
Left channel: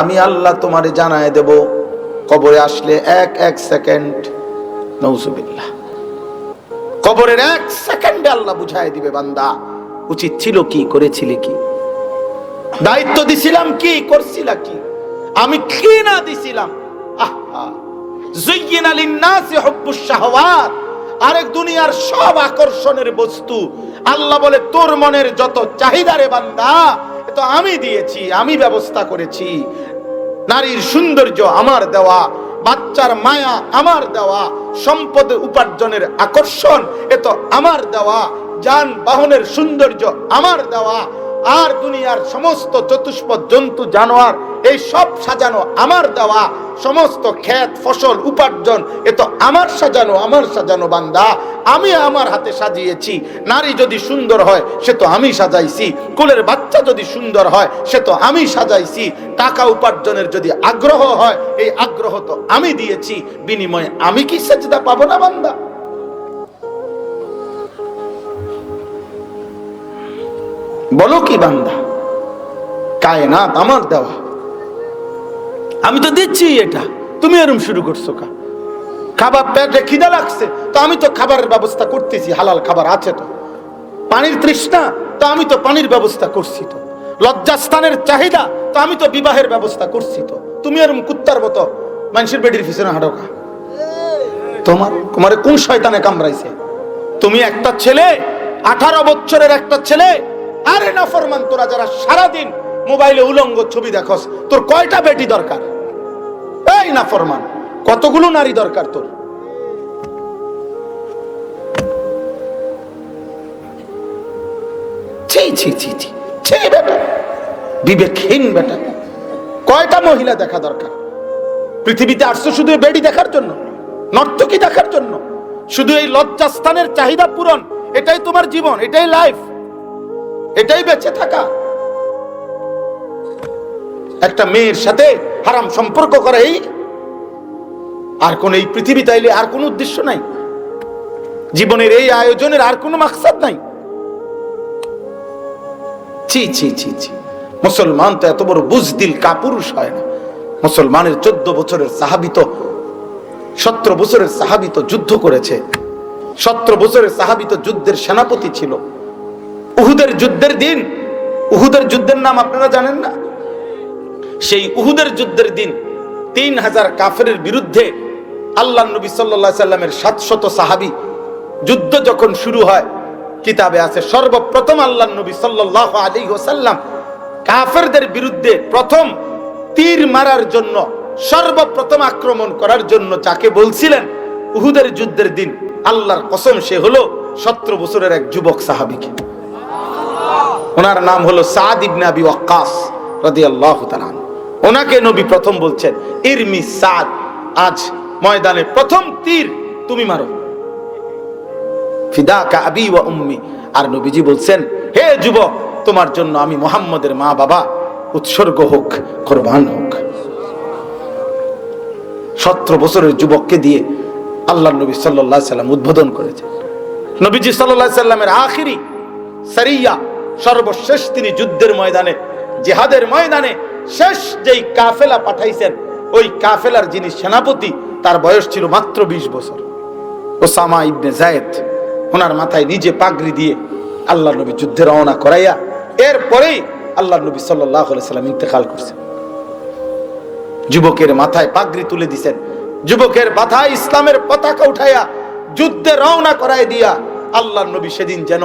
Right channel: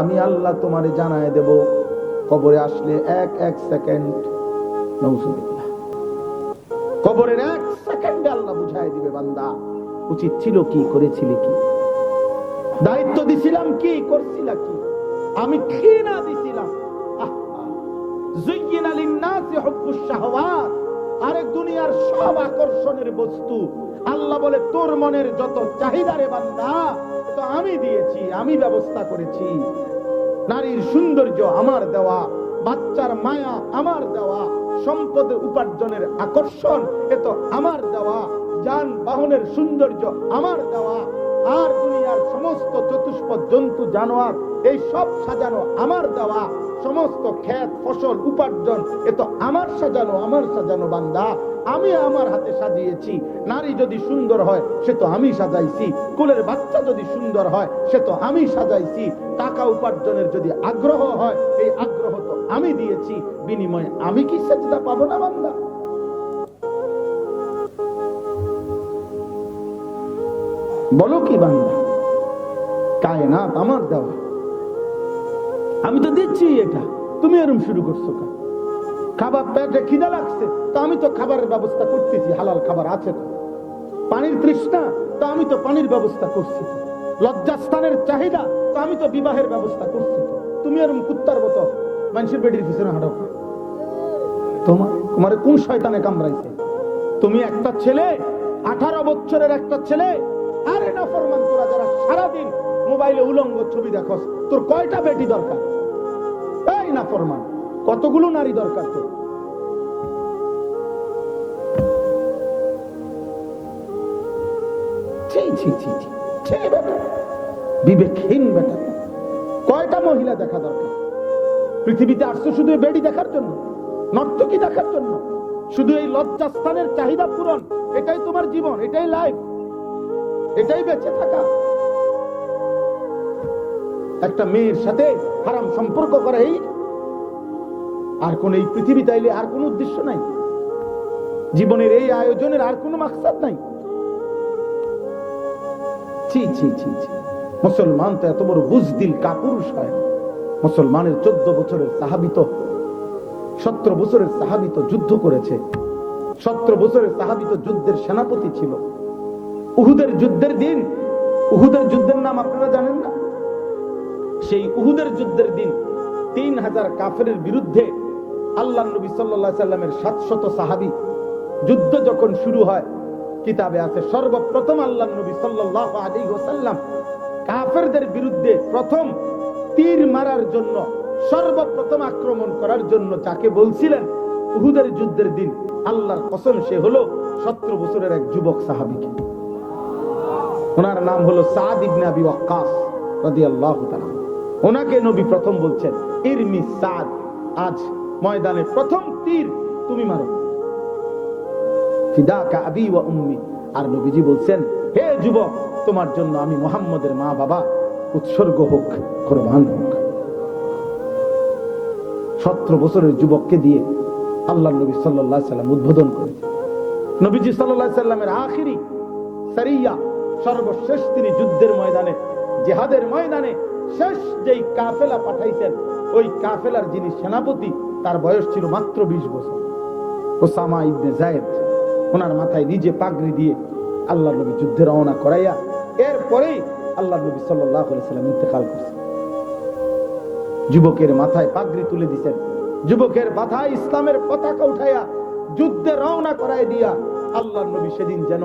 আমি আল্লাহ তোমারে জানায় দেব। কবরে আসলে এক সেকেন্ড, নাউজুবিল্লাহ, কবরের 1 সেকেন্ডে আল্লাহ বুঝায় দিবে বান্দা উচিত ছিল কি, করেছিলে কি, দায়িত্ব দিছিলাম কি, করছিলা কি, আমি কি না দিছিলাম। যুয়্যিনা লিন-নাসি হুব্বুশ শাহওয়াত। আরেক দুনিয়ার সব আকর্ষণের বস্তু আল্লাহ বলে তোর মনের যত চাহিদা রে বান্দা, তো আমি দিয়েছি, আমি ব্যবস্থা করেছি। নারীর সৌন্দর্য আমার দেওয়া, বাচ্চার মায়া আমার দেওয়া, সম্পদ উপার্জনের আকর্ষণ এ তো আমার দেওয়া, যানবাহনের সৌন্দর্য আমার দেওয়া, আর দুনিয়ার সমস্ত চতুষ্পদ জন্তু জানোয়ার এই সব সাজানো আমার দেওয়া, সমস্ত ক্ষেত ফসল উপার্জন এ তো আমার সাজানো, আমার সাজানো বান্দা, আমি আমার হাতে সাজিয়েছি। নারী যদি সুন্দর হয় সে তো আমি সাজাইছি, কোলের বাচ্চা যদি সুন্দর হয় সে তো আমি সাজাইছি, টাকা উপার্জনের যদি আগ্রহ হয় এই আগ্রহ তো আমি দিয়েছি, বিনিময়ে আমি কি সেজদা পাবো না বান্দা? বলো কি বান্দা, কায়নাত আমার দেওয়া, আমি তো দিচ্ছি, এটা তুমি এরকম শুরু করছো কা? খাবার পেটে খিদা লাগছে তো আমি তো খাবারের ব্যবস্থা করতেছি, হালাল খাবার আছে তো। পানির তৃষ্ণা তো আমি তো পানির ব্যবস্থা করছি তো। লজ্জাস্থানের চাহিদা তো আমি তো বিবাহের ব্যবস্থা করছি তো। তুমি এরকম কুত্তার মতো মানুষের বেডির পিছনে হাঁটো কা? তোমার কোন শয়তানে কামড়াইছে? তুমি একটা ছেলে, 18 বছরের একটা ছেলে, আরে নাফরমান তোরা যারা সারাদিন মোবাইলে উলঙ্গ ছবি দেখোস, তোর কয়টা বেটি দরকার? এই নাফরমান, কতগুলো নারী দরকার তোর? ছি ছি ছি ছি ছি বেটা, বিবেকহীন বেটা। কয়টা মহিলা দেখা দরকার? পৃথিবীতে আসছো শুধু বেডি দেখার জন্য, নর্তকী দেখার জন্য, শুধু এই লজ্জাস্থানের চাহিদা পূরণ? এটাই তোমার জীবন, এটাই লাইফ, এটাই বেঁচে থাকা? একটা মেয়ের সাথে হারাম সম্পর্ক করে, এই আর কোন এই পৃথিবীতে আইলে আর কোন উদ্দেশ্য নাই? জীবনের এই আয়োজনের আর কোনো মাকসাদ নাই? ছি ছি ছি ছি। মুসলমান তো এত বড় বুজদিল কাপুরুষ হয় না। মুসলমানের 14 বছরের সাহাবী তো, 17 বছরের সাহাবী তো যুদ্ধ করেছে। 17 বছরের সাহাবী তো যুদ্ধের সেনাপতি ছিল। উহুদের যুদ্ধের দিন, উহুদের যুদ্ধের নাম আপনারা জানেন না? সেই উহুদের যুদ্ধের দিন 3000 কাফেরের বিরুদ্ধে আল্লাহর নবী সাল্লাল্লাহু আলাইহি সাল্লামের 700 সাহাবী যুদ্ধ যখন শুরু হয়, কিতাবে আছে সর্বপ্রথম আল্লাহর নবী সাল্লাল্লাহু আলাইহি ওয়াসাল্লাম কাফেরদের বিরুদ্ধে প্রথম তীর মারার জন্য, সর্বপ্রথম আক্রমণ করার জন্য যাকে বলছিলেন উহুদের যুদ্ধের দিন, আল্লাহর কসম সে হলো 17 বছরের এক যুবক সাহাবী। ওনার নাম হলো সাদ ইবনে আবি ওয়াক্কাস রাদিয়াল্লাহু তাআলা। ওনাকে নবী প্রথম বলছেন, ইরমি সাদ, আজ ময়দানে প্রথম তীর তুমি মারো, ফিদাকা আবি ওয়া উম্মি। আর নবীজি বলছেন, হে যুবক, তোমার জন্য আমি মুহাম্মদের মা বাবা উৎসর্গ হোক, কুরবান হোক। 17 বছরের যুবককে দিয়ে আল্লাহর নবী সাল্লাল্লাহু আলাইহি সাল্লাম উদ্বোধন করেছেন। নবীজি সাল্লাল্লাহু আলাইহি সাল্লামের আখিরি সারিয়া, সর্বশেষ তিনি যুদ্ধের ময়দানে, জিহাদের ময়দানে শেষ যেই কাফেলা পাঠাইছেন, ওই কাফেলার যিনি সেনাপতি, তার বয়স ছিল মাত্র 20 বছর, ওসামা ইবনে যায়েদ। ওনার মাথায় নিজে পাগড়ি দিয়ে আল্লাহর নবী যুদ্ধে রওনা করাইয়া এরপরেই আল্লাহর নবী সাল্লাল্লাহু আলাইহি সাল্লাম ইন্তেকাল করছেন। যুবকের মাথায় পাগড়ি তুলে দিয়েছেন, যুবকের মাথায় ইসলামের পতাকা উঠাইয়া যুদ্ধে রওনা করাই দিয়া আল্লাহর নবী সেদিন যেন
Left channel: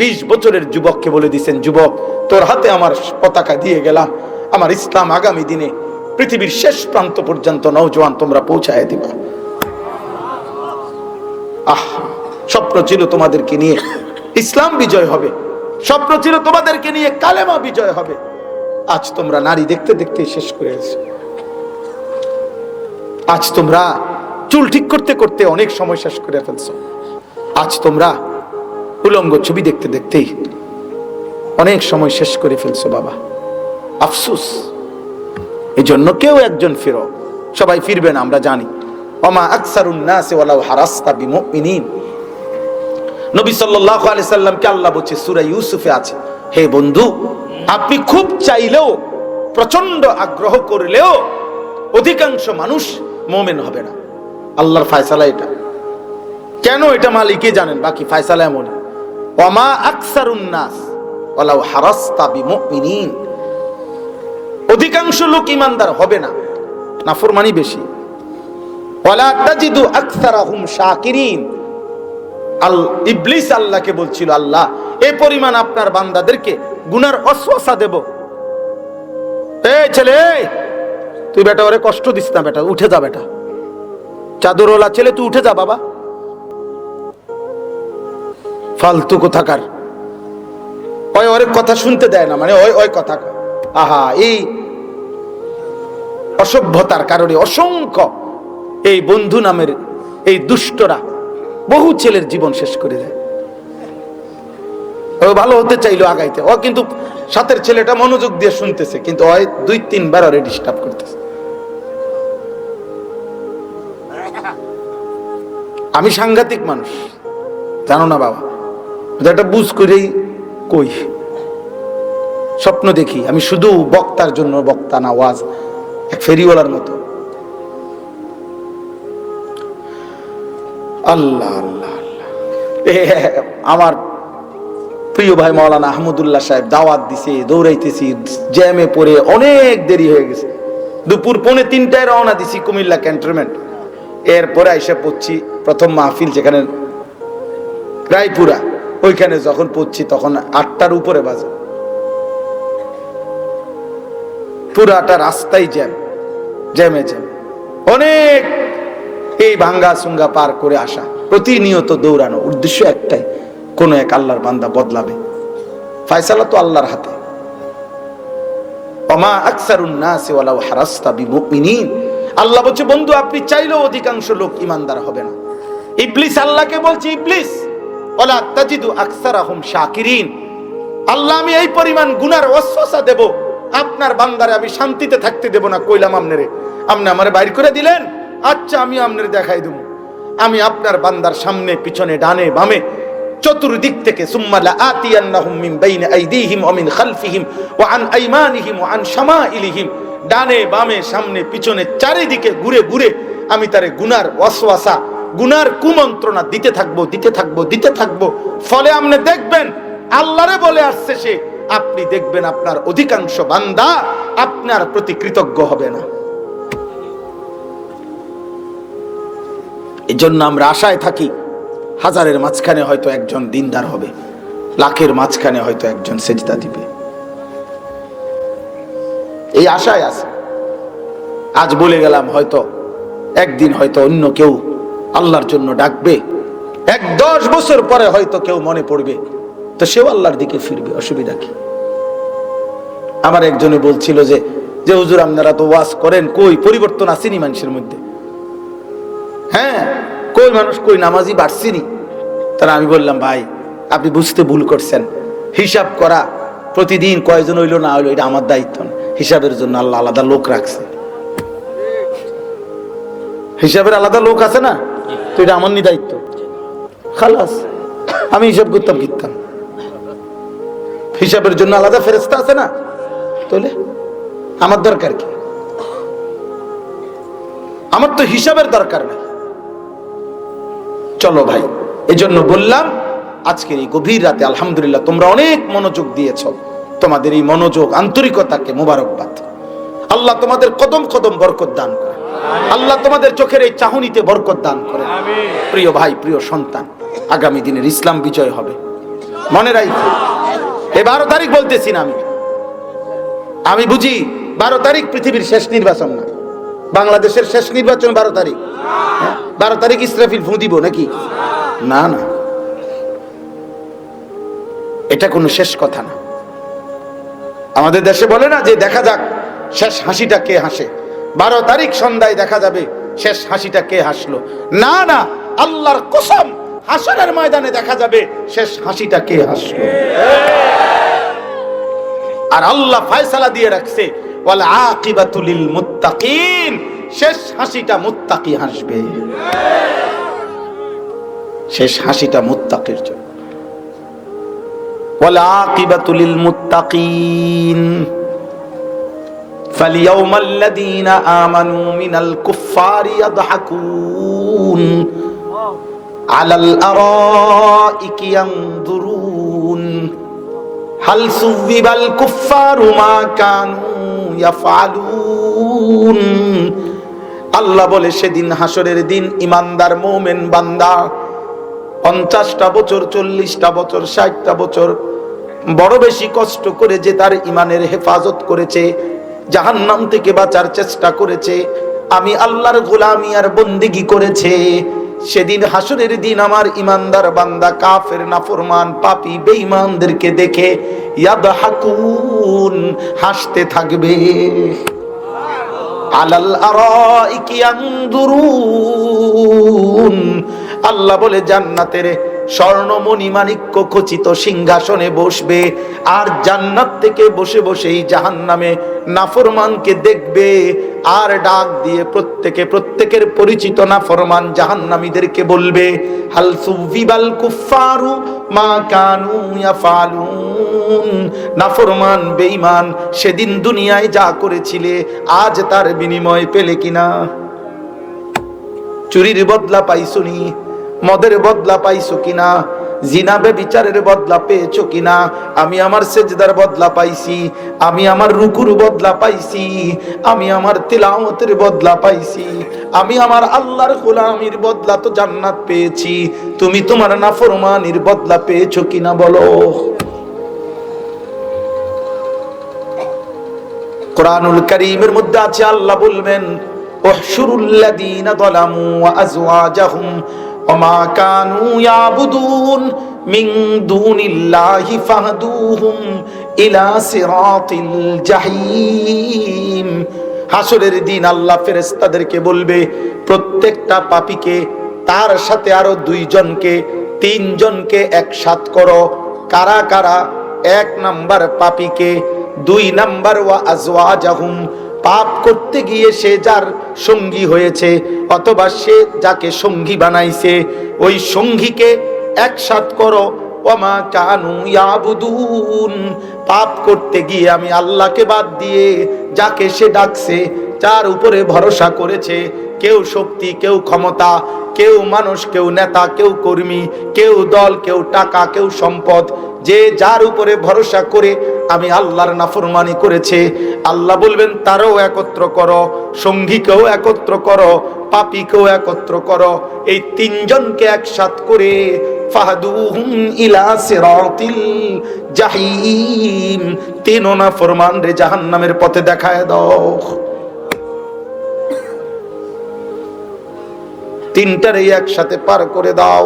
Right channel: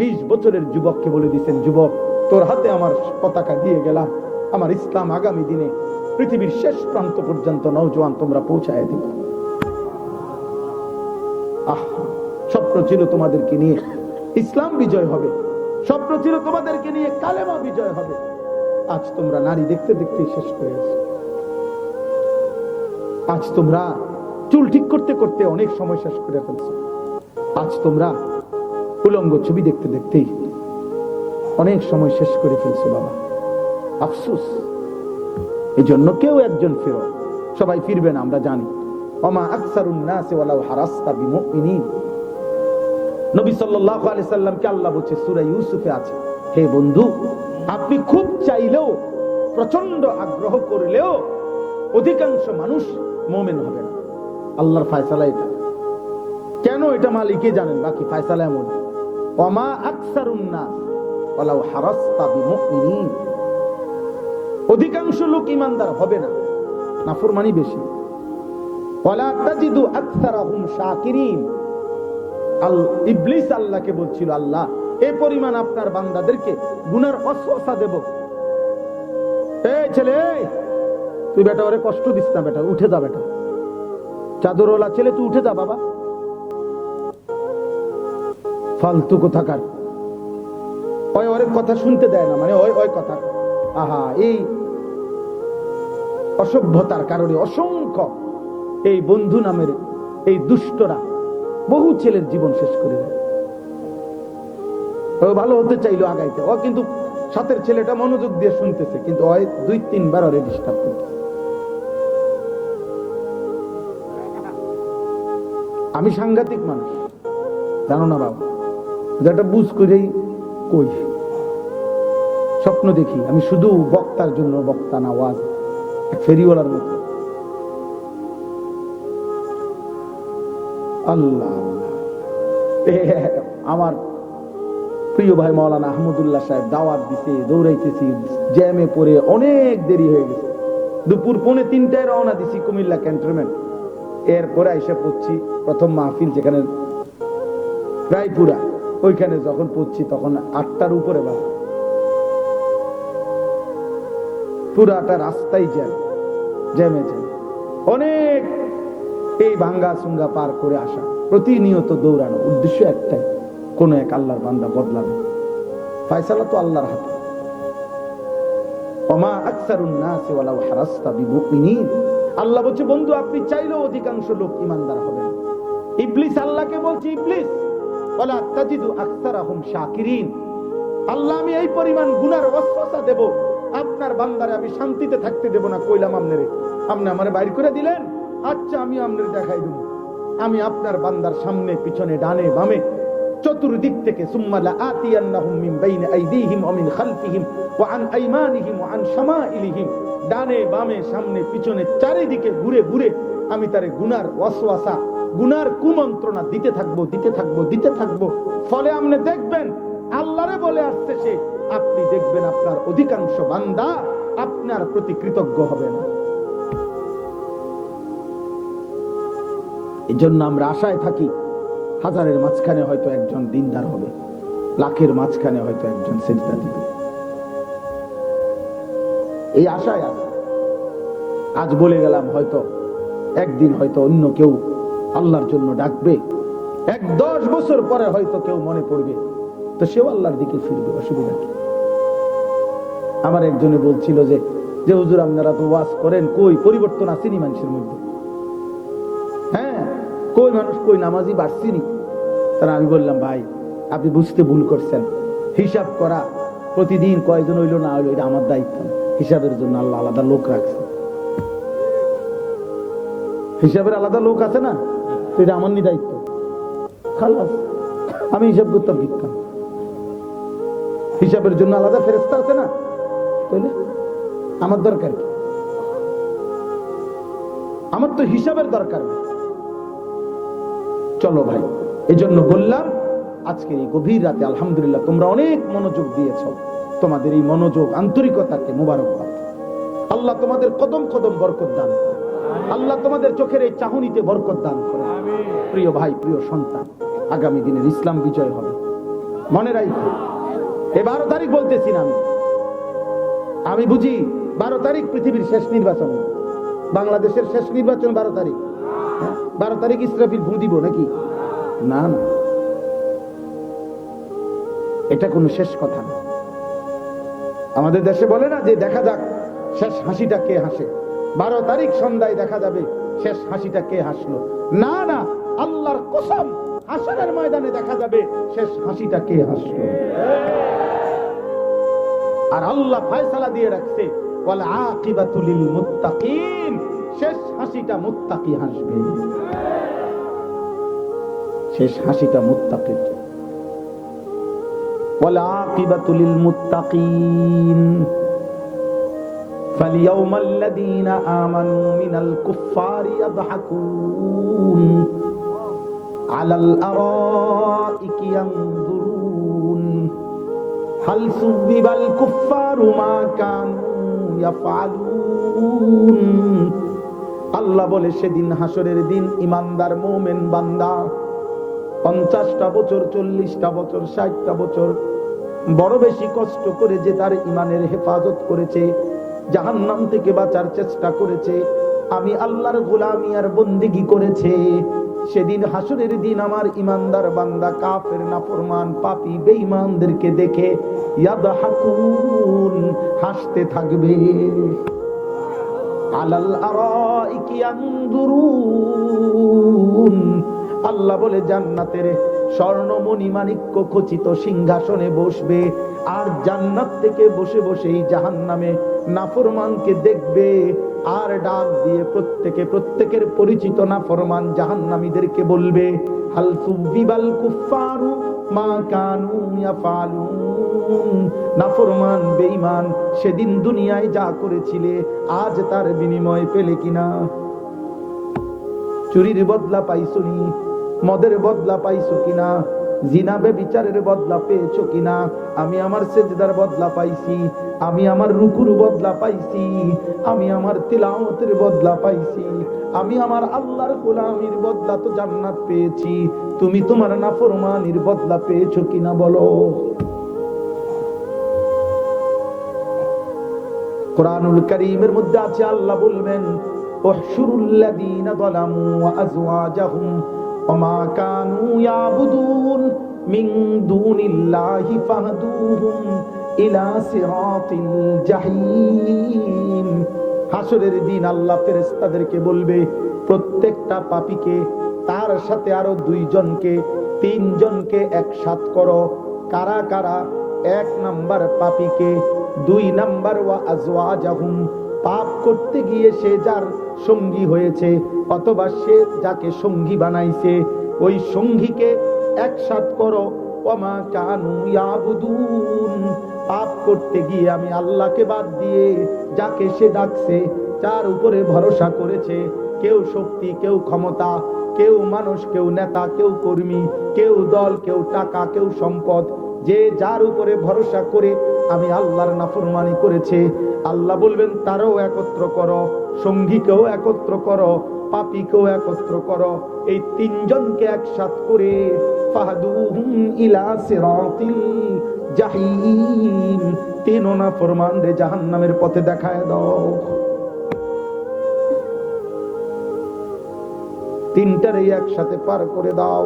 20 বছরের যুবককে বলে দিয়েছেন, যুবক, তোর হাতে আমার পতাকা দিয়ে গেলাম, আমার ইসলাম আগামী দিনে পৃথিবীর শেষ প্রান্ত পর্যন্ত নওজোয়ান তোমরা পৌঁছায় দিবা। স্বপ্ন ছিল তোমাদেরকে নিয়ে ইসলাম বিজয় হবে, স্বপ্ন ছিল তোমাদেরকে নিয়ে কালেমা বিজয় হবে। আজ তোমরা নারী দেখতে দেখতে শেষ করে আছো। আজ তোমরা চুল ঠিক করতে করতে অনেক সময় শেষ করে ফেলছো। আজ তোমরা উলঙ্গ ছবি দেখতে দেখতেই অনেক সময় শেষ করে ফেলছো। বাবা, আফসোস। এই জন্য কেউ একজন ফিরো, সবাই ফিরবে না, আমরা জানি। ওমা আকসারুন নাসি ওয়ালাউ হারাসতা বিমুমিনিন। নবী সাল্লাল্লাহু আলাইহি সাল্লামকে আল্লাহ বলছে সূরা ইউসুফে আছে, হে বন্ধু, আপনি খুব চাইলেও, প্রচন্ড আগ্রহ করলেও অধিকাংশ মানুষ মুমিন হবে না। আল্লাহর ফয়সালা এটা। কেন এটা মালিকই জানেন, বাকি ফয়সালা এমন। ওমা আকসারুন নাস ওয়ালাউ হারাসতা বিমুমিনিন। অধিকাংশ লোক ইমানদার হবে না, নাফরমানি বেশি। ওয়ালা তাজিদু আকসারাহুম শাকিরিন। ইবলিস আল্লাহকে বলছিল, আল্লাহ, এই পরিমাণ আপনার বান্দাদেরকে গুনার ওয়াসওয়াসা দেব। এই ছেলে, তুই বেটা ওরে কষ্ট দিস না, বেটা উঠে যা, বেটা চাদরওয়ালা ছেলে, তুই উঠে যা বাবা। ফালতু কোথাকার, ওরে কথা শুনতে দেয় না, মানে ওই কথা। আহা, এই অসভ্যতার কারণে অসংখ্য এই বন্ধু নামের এই দুষ্টরা বহু ছেলের জীবন শেষ করে দেয়। ও ভালো হতে চাইলো আগাইতে, ও কিন্তু সাথের ছেলেটা মনোযোগ দিয়ে শুনতেছে, কিন্তু ওই 2-3 বার ওরে ডিস্টার্ব করতেছে। আমি সাংঘাতিক মানুষ, জানো না বাবা, এটা বুঝ করেই কই। স্বপ্ন দেখি আমি শুধু বক্তার জন্য বক্তা না, ওয়াজ ফেরিওয়ালার মতো। আল্লাহ আল্লাহ আমার প্রিয় ভাই মাওলানা আহমদুল্লাহ সাহেব দাওয়াত দিছে, দৌড়াইতেছি, জ্যামে পড়ে অনেক দেরি হয়ে গেছে। দুপুর 2:45 রওনা দিছি কুমিল্লা ক্যান্টনমেন্ট। এরপরে আইসা পড়ছি প্রথম মাহফিল যেখানে রায়পুরা, ওইখানে যখন পড়ছি তখন 8টার উপরে বাজে। পুরাটা রাস্তায় জ্যামে অনেক এই ভাঙ্গা সুঙ্গা পার করে আসা, প্রতিনিয়ত দৌড়ানো, উদ্দেশ্য একটাই, কোন এক আল্লাহর বান্দা বদলাবে। ফয়সালা তো আল্লাহর হাতে। ওমা আকসারুন নাসি ওয়ালাউ হারাসতা বিমুমিনিন। আল্লাহ বলছে বন্ধু আপনি চাইলেও অধিকাংশ লোক ঈমানদার হবে না। ইবলিস আল্লাহকে বলছে, ইবলিস ওয়ালা তাজিদু আকসারাহুম শাকিরিন। আল্লাহ আমি এই পরিমাণ গুনার ওয়াসওয়াসা দেব, আপনার বান্দারে আমি শান্তিতে থাকতে দেব না। কইলাম আমনেরে, আপনি আমারে বাইর করে দিলেন, আচ্ছা আমি আপনারে দেখাই দেব। আমি আপনার বান্দার সামনে পিছনে ডানে বামে চতুর্দিক থেকে সুম্মা লাআতিয়ান্নাহুম মিন বাইনি আইদিহিম ওয়া মিন খালফিহিম ওয়া আন আইমানিহিম ওয়া আন শামাইলিহিম, ডানে বামে সামনে পিছনে চারিদিকে ঘুরে ঘুরে আমি তারে গুনার ওয়াসওয়াসা, গুনার কুমন্ত্রণা দিতে থাকবো। ফলে আপনি দেখবেন আল্লাহরে বলে আসছে সে, আপনি দেখবেন আপনার অধিকাংশ বান্দা আপনার প্রতি কৃতজ্ঞ হবে না। এজন্য আমরা আশায় থাকি, হাজারের মাঝখানে হয়তো একজন দিনদার হবে, লাখের মাঝখানে হয়তো একজন সেজদা দিবে, এই আশায় আছে। আজ বলে গেলাম, হয়তো একদিন হয়তো অন্য কেউ আল্লাহর জন্য ডাকবে, 10 বছর পরে হয়তো কেউ মনে পড়বে, তো সেও আল্লাহর দিকে ফিরবে, অসুবিধা কি? আমার একজনে বলছিল যে হুজুর আপনারা তো ওয়াজ করেন, কই পরিবর্তন আসেনি মানুষের মধ্যে? হ্যাঁ, কই মানুষ কই নামাজি বাড়ছিনি? তারা আমি বললাম ভাই আপনি বুঝতে ভুল করছেন। হিসাব করা প্রতিদিন কয়জন হইলো না হইলো এটা আমার দায়িত্ব না, হিসাবের জন্য আল্লাহ আলাদা লোক রাখছে। হিসাবের আলাদা লোক আছে না, তো এটা আমার নি দায়িত্ব, খালাস। আমি হিসাব করতাম কিতাম, হিসাবের জন্য আলাদা ফেরেশতা আছে না, তাহলে আমার দরকার কি? আমার তো হিসাবের দরকার নেই। চলো ভাই, এজন্য বললাম আজকের এই গভীর রাতে আলহামদুলিল্লাহ তোমরা অনেক মনোযোগ দিয়েছো, তোমাদের এই মনোযোগ আন্তরিকতাকে মোবারকবাদ। আল্লাহ তোমাদের কদম কদম বরকত দান করে, আল্লাহ তোমাদের চোখের এই চাহনিতে বরকত দান করে। প্রিয় ভাই, প্রিয় সন্তান, আগামী দিনের ইসলাম বিজয় হবে, মনে রাখো। এই 12 তারিখ বলতেছি না আমি বুঝি 12 তারিখ পৃথিবীর শেষ নির্বাচন না, বাংলাদেশের শেষ নির্বাচন 12 তারিখ। 12 তারিখ ইসরাফিল ফু দিব নাকি? না না, এটা কোনো শেষ কথা না। আমাদের দেশে বলে না যে দেখা যাক শেষ হাসিটা কে হাসে, 12 তারিখ সন্ধ্যায় দেখা যাবে শেষ হাসিটা কে হাসলো। না না, আল্লাহর কসম, হাসরের ময়দানে দেখা যাবে শেষ হাসিটা কে হাসলো। আর আল্লাহ ফয়সালা দিয়ে রাখছে ওয়াল আকিবাতু লিল মুত্তাকিন, শেষ হাসিটা মুত্তাকি হাসবে, শেষ হাসিটা মুত্তাকির জন্য। ওয়াল আকিবাতু লিল মুত্তাকিন ফালিয়াউমাল্লাযীনা আমানু মিনাল কুফফারি ইয়াদহাকুন আলাল আরাইকি ইয়ানজুরুন হাল সুবিবাল কুফফারু মা কানু ইয়াফআলুন। আল্লাহ বলে সেদিন হাসরের দিন ইমানদার মুমিন বান্দা 50টা বছর, 40টা বছর, 60টা বছর বড় বেশি কষ্ট করে যে তার ইমানের হেফাজত করেছে, জাহান্নাম থেকে বাঁচার চেষ্টা করেছে, আমি আল্লাহর গোলামি আর বন্দেগী করেছে, সেদিন হাসরের দিন আমার ইমানদার বান্দা কাফের, নাফরমান, পাপী, বেঈমানদেরকে দেখে ইয়াদহাকুন, হাসতে থাকবে। আলাল আরাইকি ইয়ানজুরুন, আল্লাহ বলে জান্নাতের স্বর্ণমণি মাণিক্য খচিত সিংহাসনে বসবে, আর জান্নাত থেকে বসে বসেই জাহান্নামে নাফরমানকে দেখবে, আর ডাক দিয়ে প্রত্যেকের পরিচিত নাফরমান জাহান্নামীদেরকে বলবে হাল সুবিবাল কুফফারু মা কানু ইয়াফালুন। নাফরমান বেঈমান সেদিন দুনিয়ায় যা করেছিলে আজ তার বিনিময় পেলে কিনা? চুরির বদলা পাইছুনি? মদের বদলা পাইছো কিনা? জিনা ব্যভিচারের বদলা পেয়েছো কিনা? আমি আমার সেজদার বদলা পাইছি, আমি আমার রুকুর বদলা পাইছি, আমি আমার তিলাওয়াতের বদলা পাইছি, আমি আমার আল্লাহর গোলামির বদলা তো জান্নাত পেয়েছি। তুমি তোমার নাফরমানির বদলা পেয়েছো কিনা বলো? কুরআনুল কারীমের মধ্যে আছে, আল্লাহ বলবেন উহশুরুল লাযীনা যালামু ওয়া আযওয়াজাহুম ওয়া মা কানু ইয়াবুদুন মিন দুনিল্লাহি ফাহদুহুম ইলা সিরাতিল জাহিম। হাসরের দিন আল্লাহ ফেরেশতাদেরকে বলবে, প্রত্যেকটা পাপীকে তার সাথে আরো 2 জনকে 3 জনকে একসাথ করো। কারা কারা? 1 নাম্বার পাপীকে, 2 নাম্বার ওয়া আযওয়াজাহুম, পাপ করতে গিয়ে সে যার সঙ্গী হয়েছে অথবা সে যাকে সঙ্গী বানাইছে ওই সঙ্গীকে একসাথ করো। ওয়ামা কানু ইয়াবুদুন, পাপ করতে গিয়ে আমি আল্লাহকে বাদ দিয়ে যাকে সে ডাকছে, যার উপরে ভরসা করেছে, কেউ শক্তি, কেউ ক্ষমতা, কেউ মানুষ, কেউ নেতা, কেউ কর্মী, কেউ দল, কেউ টাকা, কেউ সম্পদ, যে যার উপরে ভরসা করে আমি আল্লাহর নাফরমানি করেছে, আল্লাহ বলবেন তারও একত্র করো, সঙ্গীকেও একত্র করো, পাপীকেও একত্র করো। এই 3 জনকে একসাথ করে ফাহদুহুম ইলা সিরাতিল জাহিম, 3 নাফরমান রে জাহান্নামের পথে দেখায় দাও। 3টারে একসাথে পার করে দাও।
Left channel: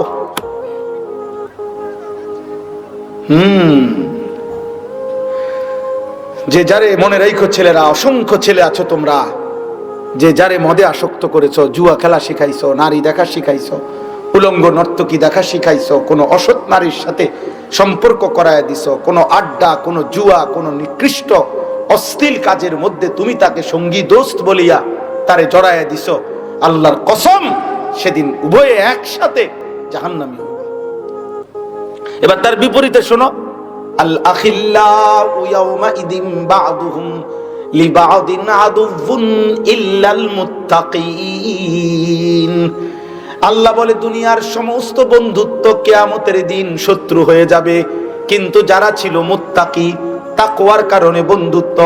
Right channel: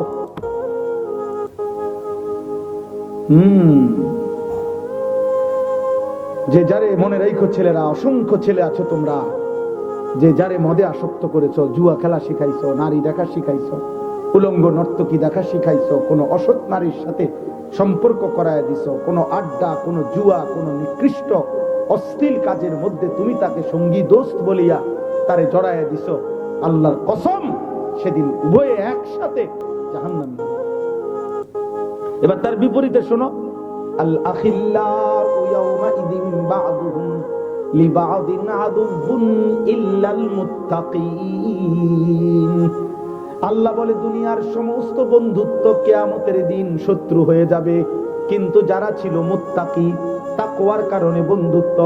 যে যারে, মনে রাখো ছেলেরা, অসংখ্য ছেলে আছো তোমরা, যে যারে মদে আসক্ত করেছো, জুয়া খেলা শিখাইছো, নারী দেখা শিখাইছো, উলঙ্গ নর্তকী দেখা শিখাইছো, কোন অসৎ নারীর সাথে সম্পর্ক করায় দিছো, কোন আড্ডা, কোন জুয়া, কোন নিকৃষ্ট অশ্লীল কাজের মধ্যে তুমি তাকে সঙ্গী দোস্ত বলিয়া তারে জড়ায় দিছো, আল্লাহর কসম সেদিন উভয়ে একসাথে জাহান্নামী হবে। এবার তার বিপরীতে শোনো, আল আখিল্লাউ ইয়াওমাইদিন বা'দুহুম লিবা'দিন আদুউন ইল্লাল মুত্তাকিন। আল্লাহ বলে দুনিয়ার সমস্ত বন্ধুত্ব কিয়ামতের দিন শত্রু হয়ে যাবে, কিন্তু যারা ছিল মুত্তাকি, তাকওয়ার কারণে বন্ধুত্ব,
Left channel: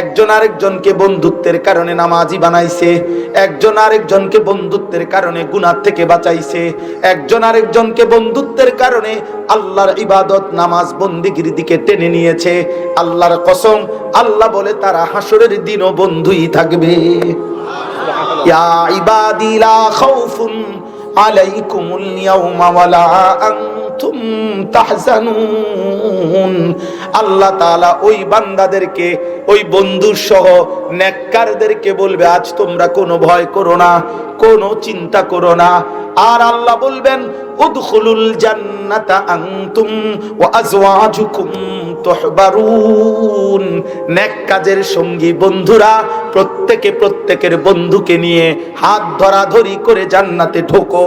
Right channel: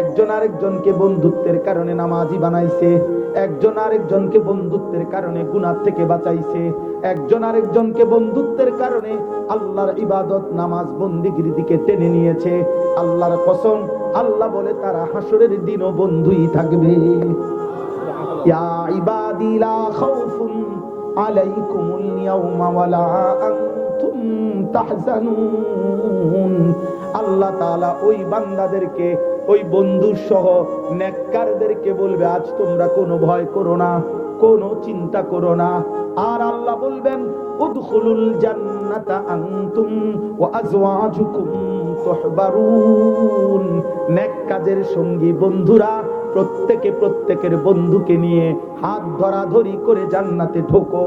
একজন আরেকজনকে বন্ধুত্বের কারণে নামাজি বানাইছে, একজন আরেকজনকে বন্ধুত্বের কারণে গুনাহ থেকে বাঁচাইছে, একজন আরেকজনকে বন্ধুত্বের কারণে আল্লাহর ইবাদত, নামাজ, বন্দেগীর দিকে টেনে নিয়েছে। আল্লাহর কসম, আল্লাহ বলে তারা হাসরের দিনও বন্ধুই থাকবে। ইয়া ইবাদি লা খাউফুন আলাইকুমুল ইয়াওমা ওয়ালা আনতুম তাহজানুন। আল্লাহ তাআলা ওই বান্দাদেরকে, ওই বন্ধু সহ নেককারদেরকে বলবে, আজ তোমরা কোনো ভয় করো না, কোনো চিন্তা করো না। আর আল্লাহ বলবেন, উদখুলুল জান্নাতা আনতুম ওয়া আজওয়াজুকুম তুহবারুন। নেক কাজের সঙ্গী বন্ধুরা প্রত্যেকে প্রত্যেকের বন্ধুকে নিয়ে হাত ধরাধরি করে জান্নাতে ঢোকো।